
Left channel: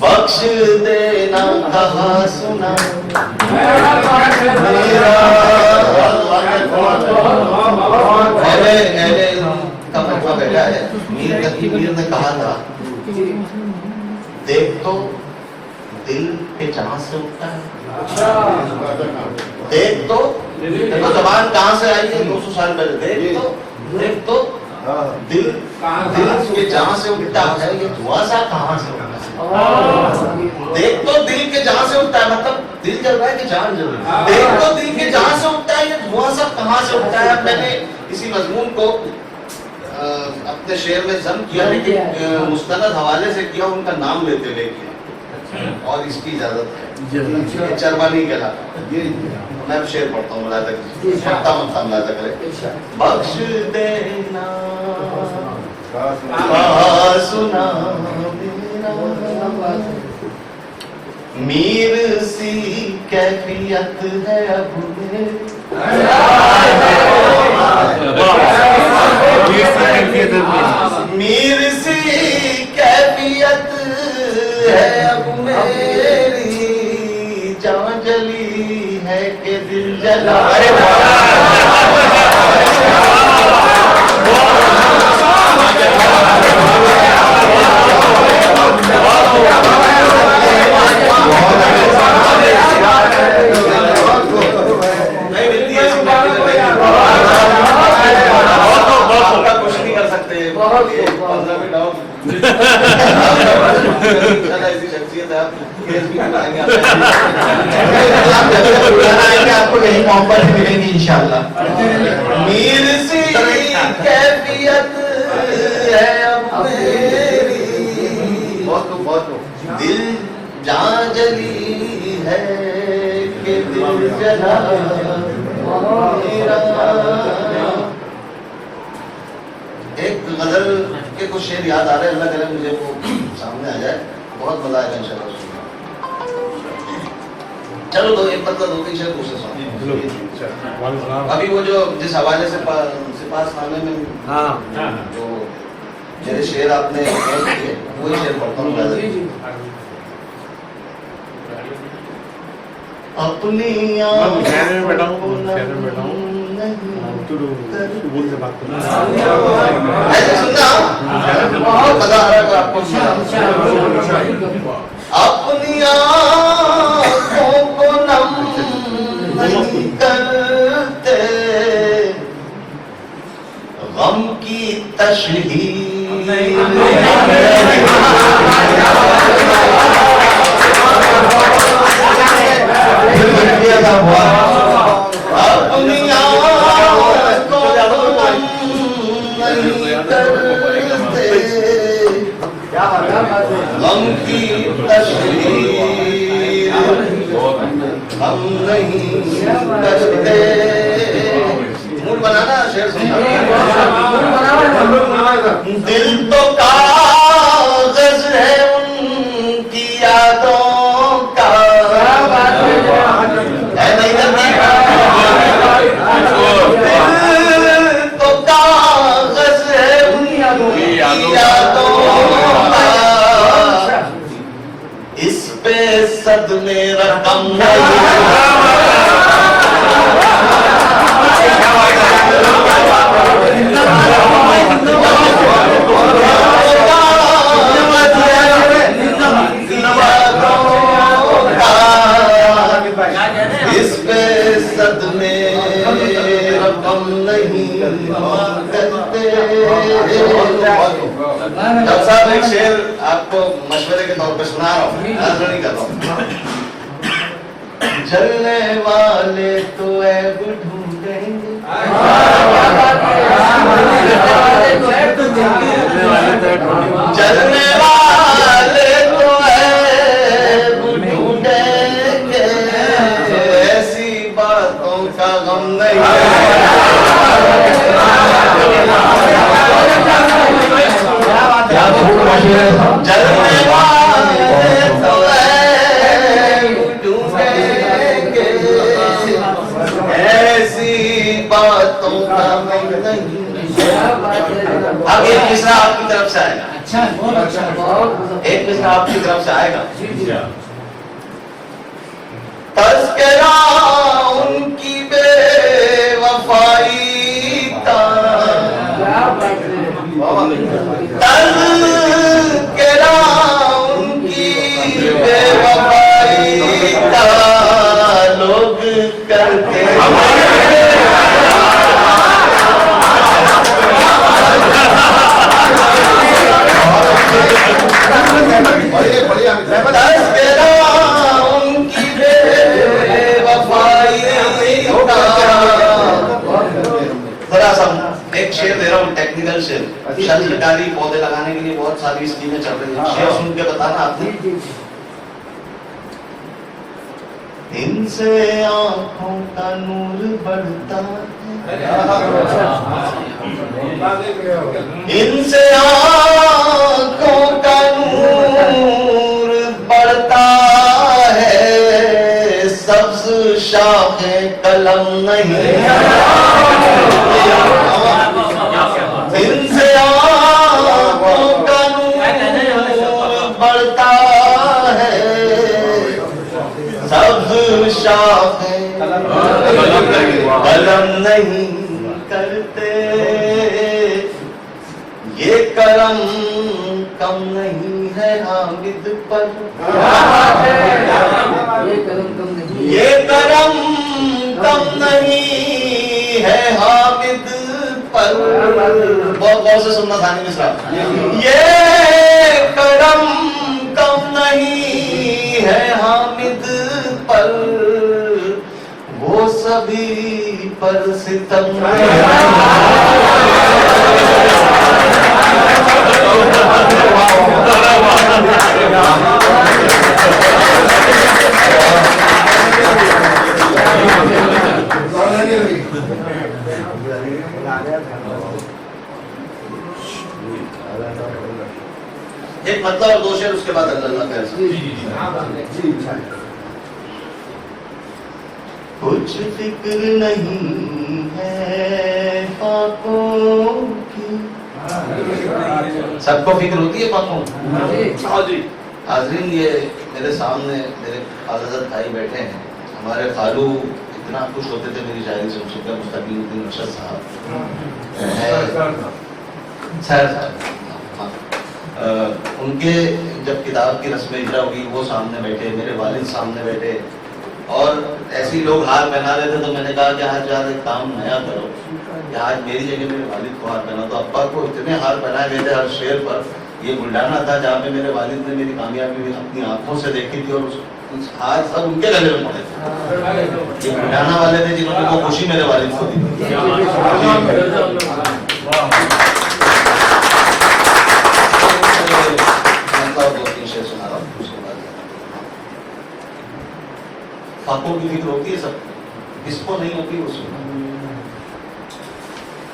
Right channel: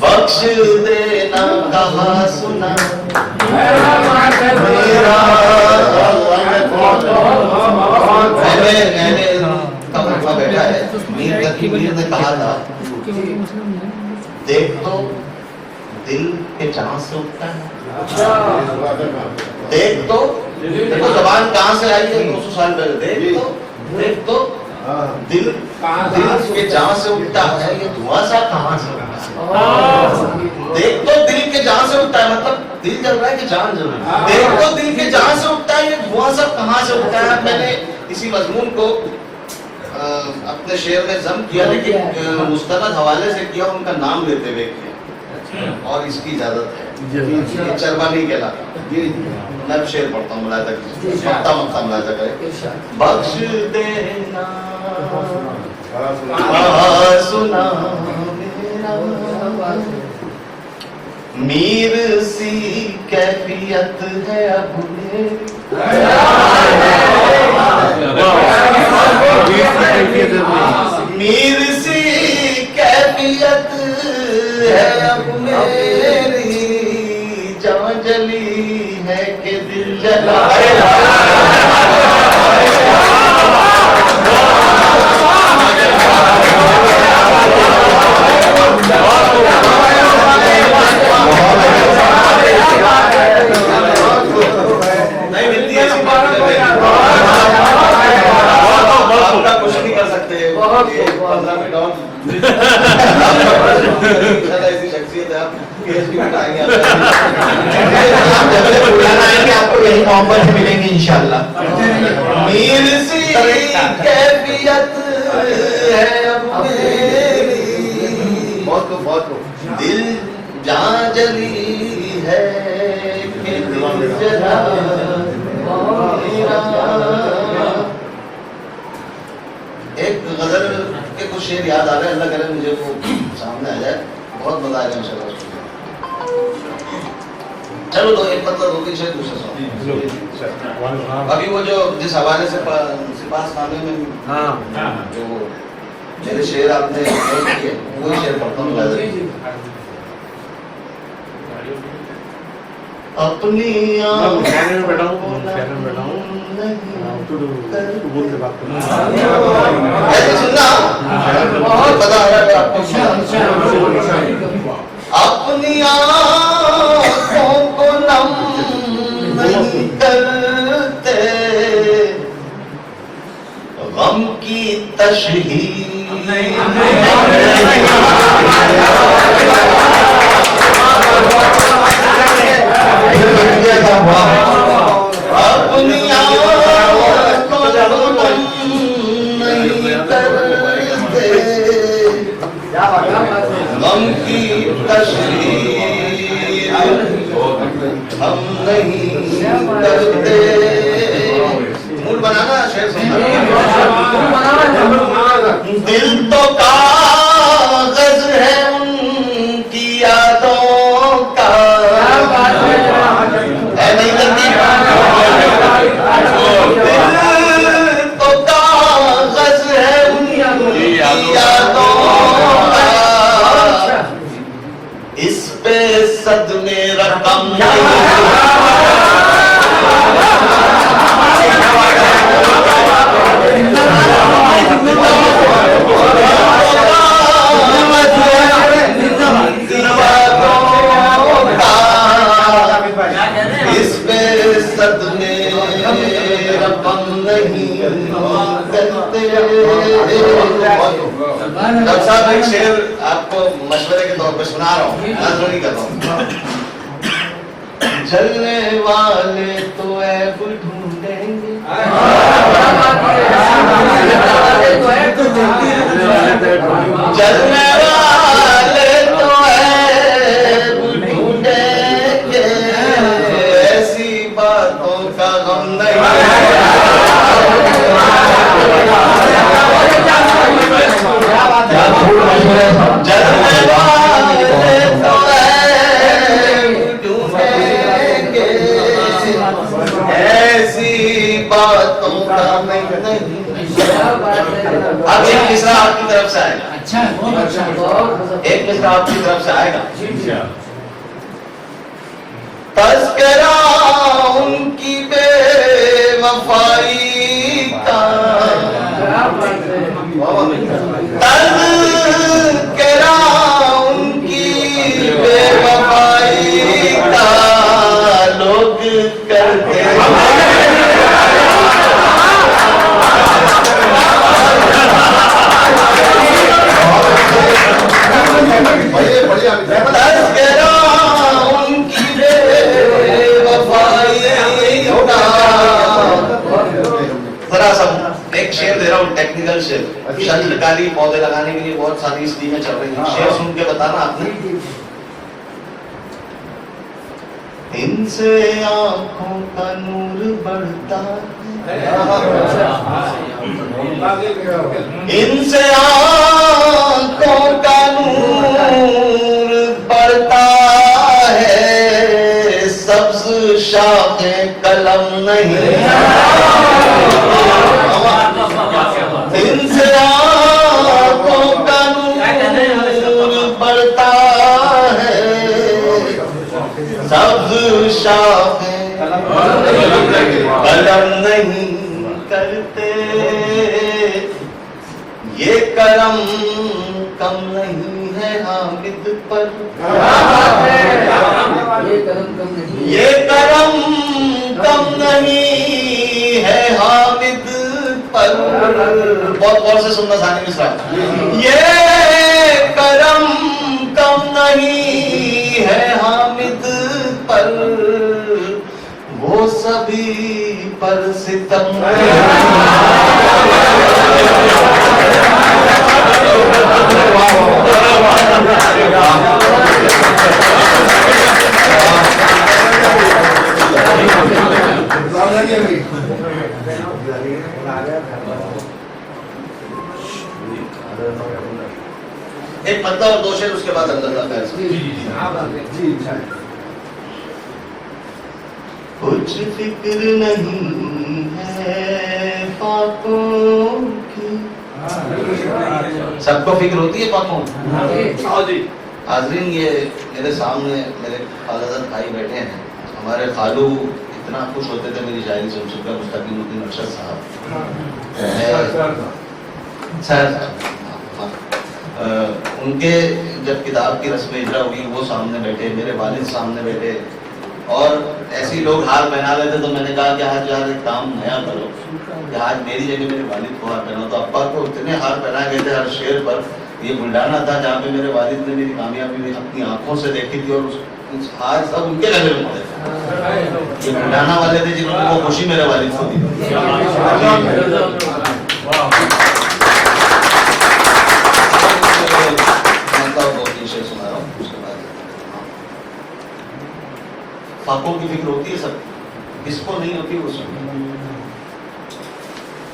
बख्श देना कहा सुना मेरा मैंने का मजमा बैठा है। मीर ने कहा था, देख तो दिल के जहां से उठता है, देख तो देखो जबान कहां से आई है 200 साल पहले, देख तो दिल के जहां से उठता है, ये धुआं सा कहां से उठता है। देख तो दिल के जहां से उठता है, मतलब दिल जल रहा है कि जान जल रही है। देख तो दिल के जहां से उठता है, ये धुआं सा कहां से उठता है। मैंने इसी मजमून को अपने शेर में जम किया, लेकिन मुस्तनद हवाले से किया, उनका नाम लेते हुए किया, और इसकी इजाजत है। चरबा नहीं कहलाता। मैं शेर पढ़ता हूँ, मुलाजा कीजिए, पढ़ता मत मुलाजा करे। बख्श देना सुना मेरा, मीर सी कैफियत है अब मीर सी कैफियत है अब मेरी, जान जली है कि दिल जला। नहीं मिलती है आपका कुछ नहीं कर सकते। ऐसी शख्सियत है, आप केस भी बनाएंगे, आपको यही मोहब्बत मिलेंगी इंशाल्लाह। मीर सी कैफियत है अब मेरी, बहुत दिल जहां जली है कि दिल जला मेरा। एक गजल के कुछ शेर याद आ रहे हैं, अल्लाह करे मुझे वो सामने आ जाए, बहुत मजा आएगा इंशाल्लाह सुनने। चलो दो एक मतलब 2-3 शेर दूसरे सुनो। अभी वो जो जिस हवाले से सिपास खाने में जो मेरे शेर आपने पेश किए, वही शेर पढ़ता हूँ। अपनी ऐसे सुनना, बहुत मजा आ रहा है आपको। अपनी आँखों को नम नहीं करते, गम की तशहीर अपनी आँखों को नम नहीं करते, गम की तशहीर हम नहीं करते। मूड बनाना शेर सुनना। दिल तो कागज है उनकी यादों का, है नहीं करती। दिल तो कागज है उनकी यादों का, इस पे सदमे रकम नहीं। इस पे सदमे रकम नहीं करते। डॉक्टर साहब एक शेर आपको मशवरे के तौर पर सुना रहा हूँ, नजर नहीं कर रहा हूँ। जलने वाले तो ऐब ढूंढेंगे, जलने वाले तो ऐब ढूंढेंगे, अब एक मिसरा आपकी तरफ से आएगा। एक मिसरा आपकी तरफ से आएगा। तज़किरा उनकी बेवफाई का, तज़किरा उनकी बेवफाई का लोग करते तज़किरा उनकी बेवफाई का। जरा सा एक शेर दे रहा हूँ, टेक्निकल शेर। शल्यकारी पौधे लगाने के लिए बहुत सारी स्कीमें चल रही हैं, शेर सुन के बताना आपने। इनसे आंखों का नूर बढ़ता है, इनसे आंखों का नूर बढ़ता है, सब्ज शाखे कलम नहीं, इनसे आंखों का नूर बढ़ता है, सब्ज शाखे कलम नहीं करते, ये करम कम नहीं है हामिद पर, ये करम कम नहीं है हामिद पर। बहुत गौर से सुनना सानी मिश्रा। ये करम कम नहीं है हामिद पर, वो सभी पर सितम एक मतलब और दो शेर, उसके बाद अल्लाह का कुछ फिक्र नहीं है पाकों की। सबको फिक्र होती है पाकों की। हाजरीन, ये मेरे सामने मेरे खालाजाद भाई बैठे हैं। हमारे खालू इतना खुश होते थे मेरी शायरी सुनकर, मुस्तकीमुद्दीन अरशद साहब सर, उनके जब किताब की रस्म इजरा हुई, वो सामने बैठे, मेरे वालिद सामने बैठे, और ऐसे ही लोग हार पहना रहे थे। तो मैंने कहा कि आज यार एक काम नया करो, कि आज मेरी जगह मेरे वालिद को हार पहना। तो अब्बा को इतने हार पहनाए गए थे हर शेर पर। ये बुल्डाना था जहाँ पे मेरे वालिद ने मेरी कामयाबी अपनी आंखों से देखी थी, और उस हार सब उनके गले में पड़े थे। ये बुल्डाना वाले थे जिन्होंने वो खुशी मेरे वालिद को दी। सुना रहा हूँ, फाकों की फिक्र होती है सब, किसको नहीं होती वो सुना।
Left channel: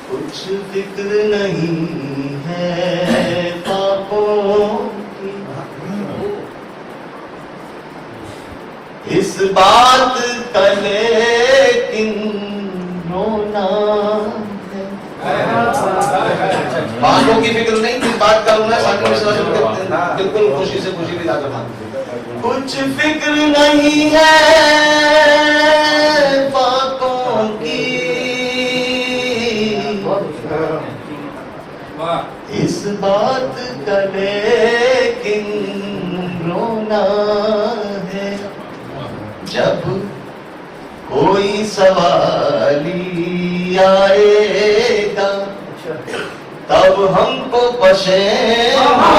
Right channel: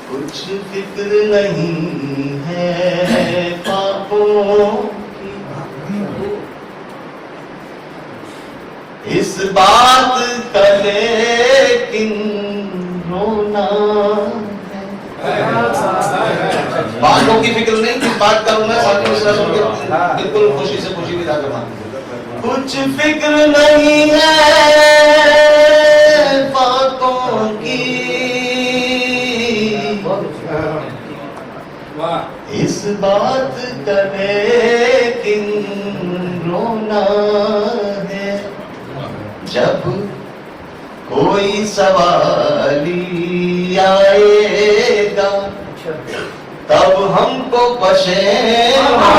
कुछ फिक्र नहीं है फाकों की, इस बात का लेकिन रोना है। फाकों की फिक्र नहीं, किस बात का रोना है। साकिब मिश्रा सुन के बिल्कुल खुशी से खुशी भी लाकर मांगते। कुछ फिक्र नहीं है फाकों की, इस बात का लेकिन रोना है। जब कोई सवाली आएगा तब हमको पशेमा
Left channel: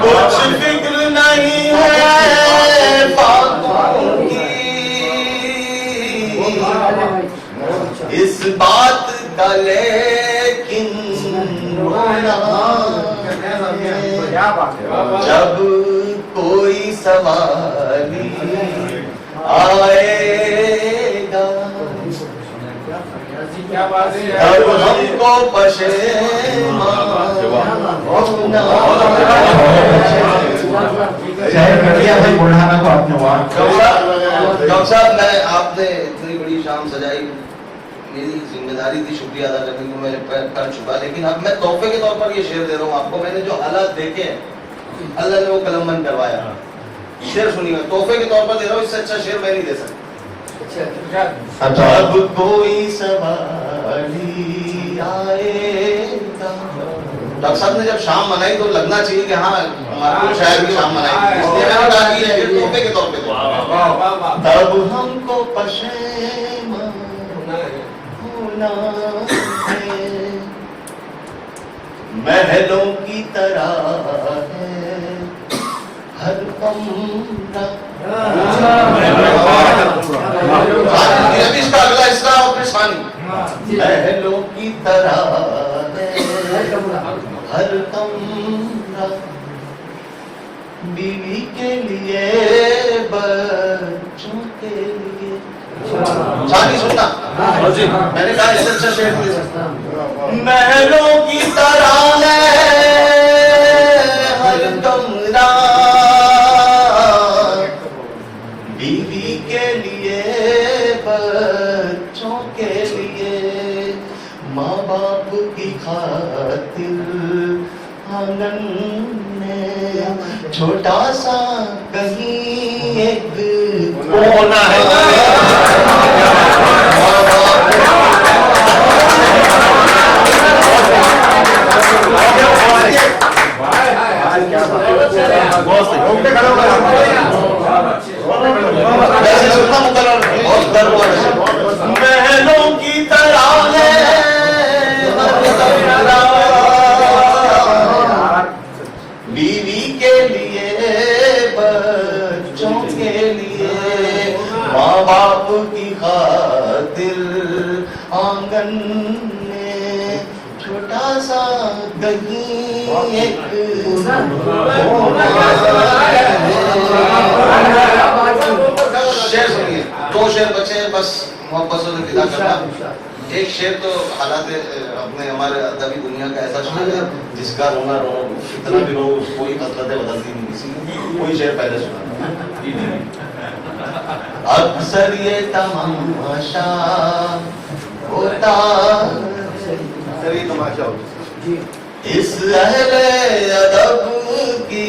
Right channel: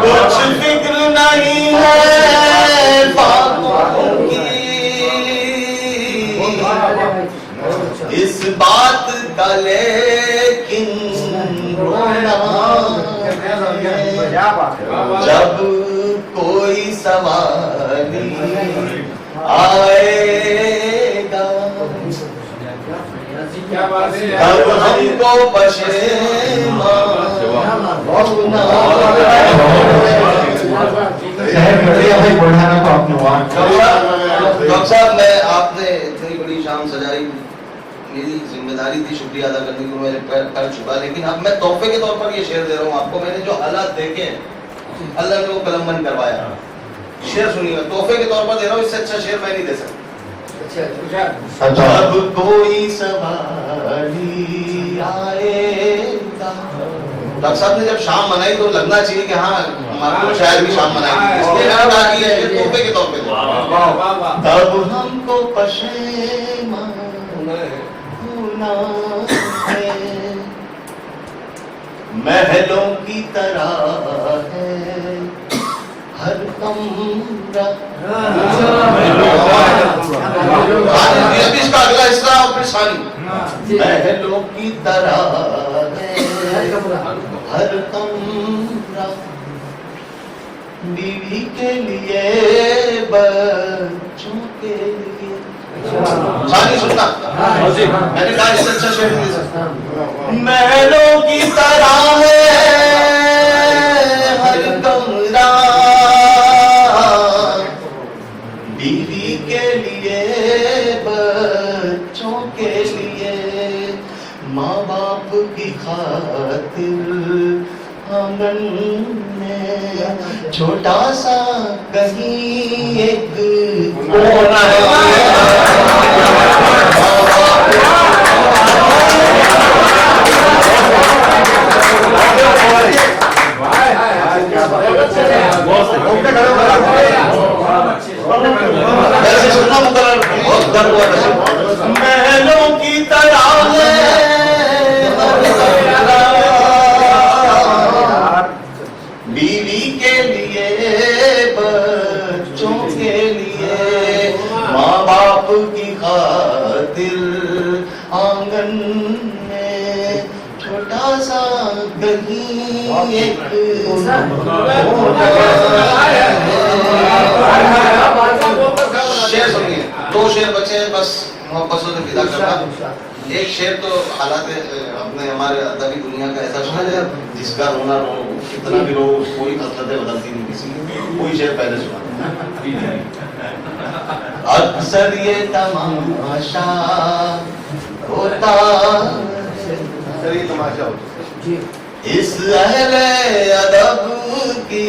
कुछ फिक्र नहीं है फाकों की, इस बात का लेकिन रोना जब कोई सवाली आए अब हमको पशेमान होना डॉक्टर साहब, मैं आपने इतनी बड़ी शाम सजाई, मेरी जिम्मेदारी थी शुक्रिया अदा करने की, मेरे कर चुका, लेकिन अब मैं तोहफे के तौर पर ये शेर दे रहा हूँ आपको। मैंने जो हालात देखे हैं, अल्लाह ने वो कलमबंद करवाया। शेर सुनिएगा, तोहफे के तौर पर दे रहा हूँ, इससे अच्छा शेर मैं नहीं दे सकता। अब कोई सवारी आएगा। डॉक्टर साहब ने जब शाम मनाई तो लगना चाहिए कि हाँ हमारा शायर की शाम मनाई थी, इसलिए मैंने कहा कि ये तोहफे के तौर पे दे। अब हमको पशेमान होना है, महलों की तरह है हर कमरा। इसका अगला हिस्सा और फिर सानी। महलों की तरह है हर कमरा, बीवी के लिए बच्चों के लिए। सानी सुनना, मैंने कहा इससे अच्छा शेर नहीं दे सकता। महलों की तरह है हर कमरा, बीवी के लिए बच्चों के लिए, माँ बाप की खातिर आंगन में छोटा सा कहीं एक कोना है। महलों की तरह है बीवी के लिए बच्चों के लिए, माँ बाप की खातिर आंगन में छोटा सा कहीं एक शेर सुनिए। दो शेर बचे बस मोहब्बतों से विदा करना। एक शेर तो हालात अपने हमारे अदबी दुनिया का ऐसा शेर है जिसका रोना रो कितना भी रो कोई हसरतें बदलती नहीं किसी की। कोई शेर पहले सुना। अक्सर ये तमाशा होता, अक्सर ये तमाशा होता इस अहले अदब की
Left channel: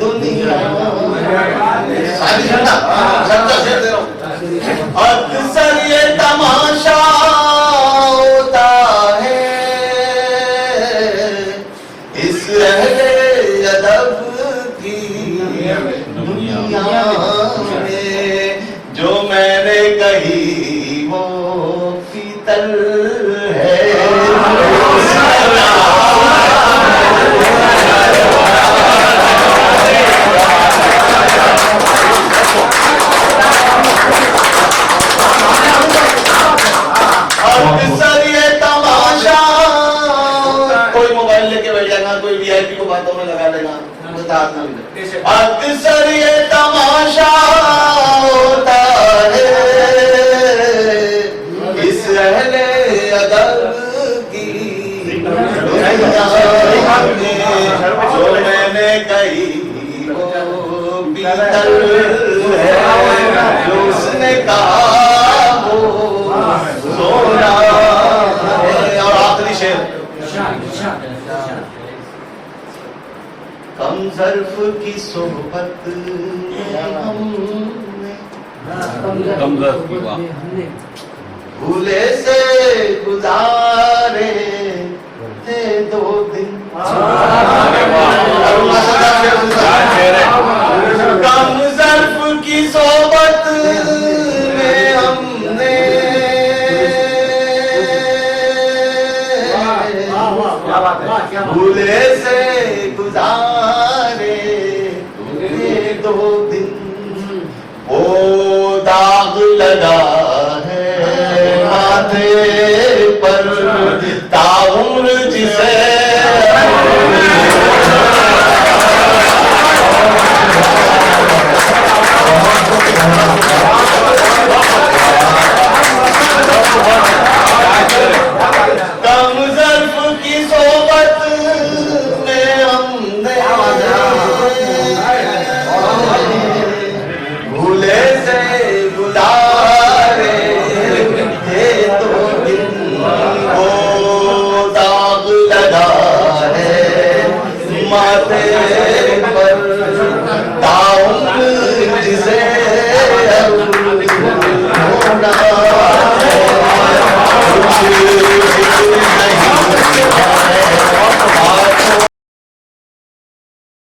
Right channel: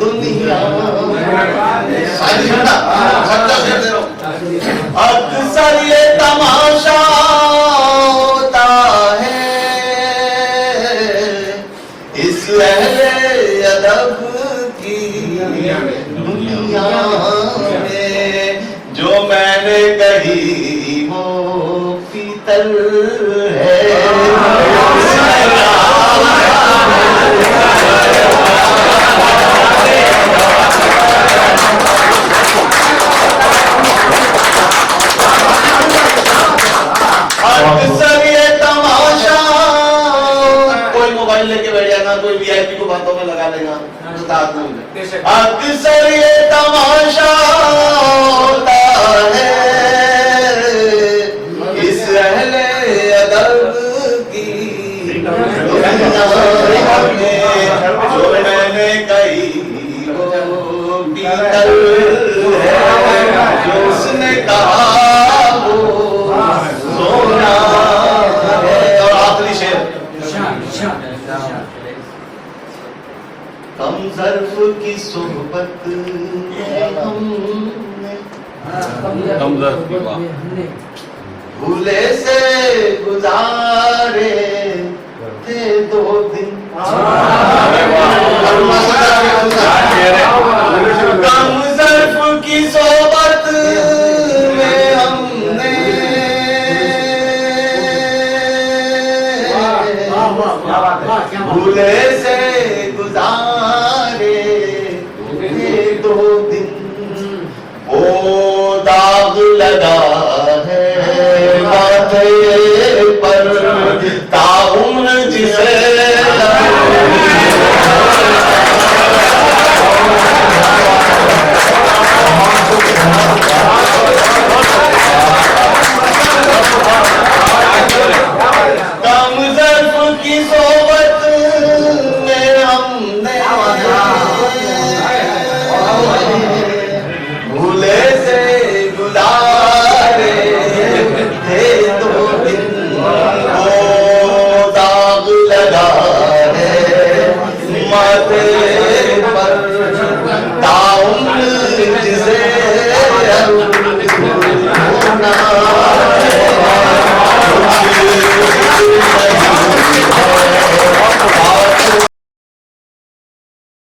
दुनिया। अक्सर ये तमाशा होता है इस अहले अदब की दुनिया में, जो मैंने कही वो पीतल है। अक्सर ये तमाशा, कोई मोबाइल लेके बैठ जाएगा, कोई वीआईपी को बातों में लगा लेगा, अक्सर ये तमाशा होता है इस अहले अदब की दुनिया में, जो मैंने कही वो पीतल है, जो उसने कहा वो सोना है। और आखिरी शेर, कम ज़र्फ की सोहबत में हमने भूले से गुजारे थे 2 दिन। कम ज़र्फ की सोहबत में हमने भूले से गुजारे थे 2 दिन, वो दाग लगा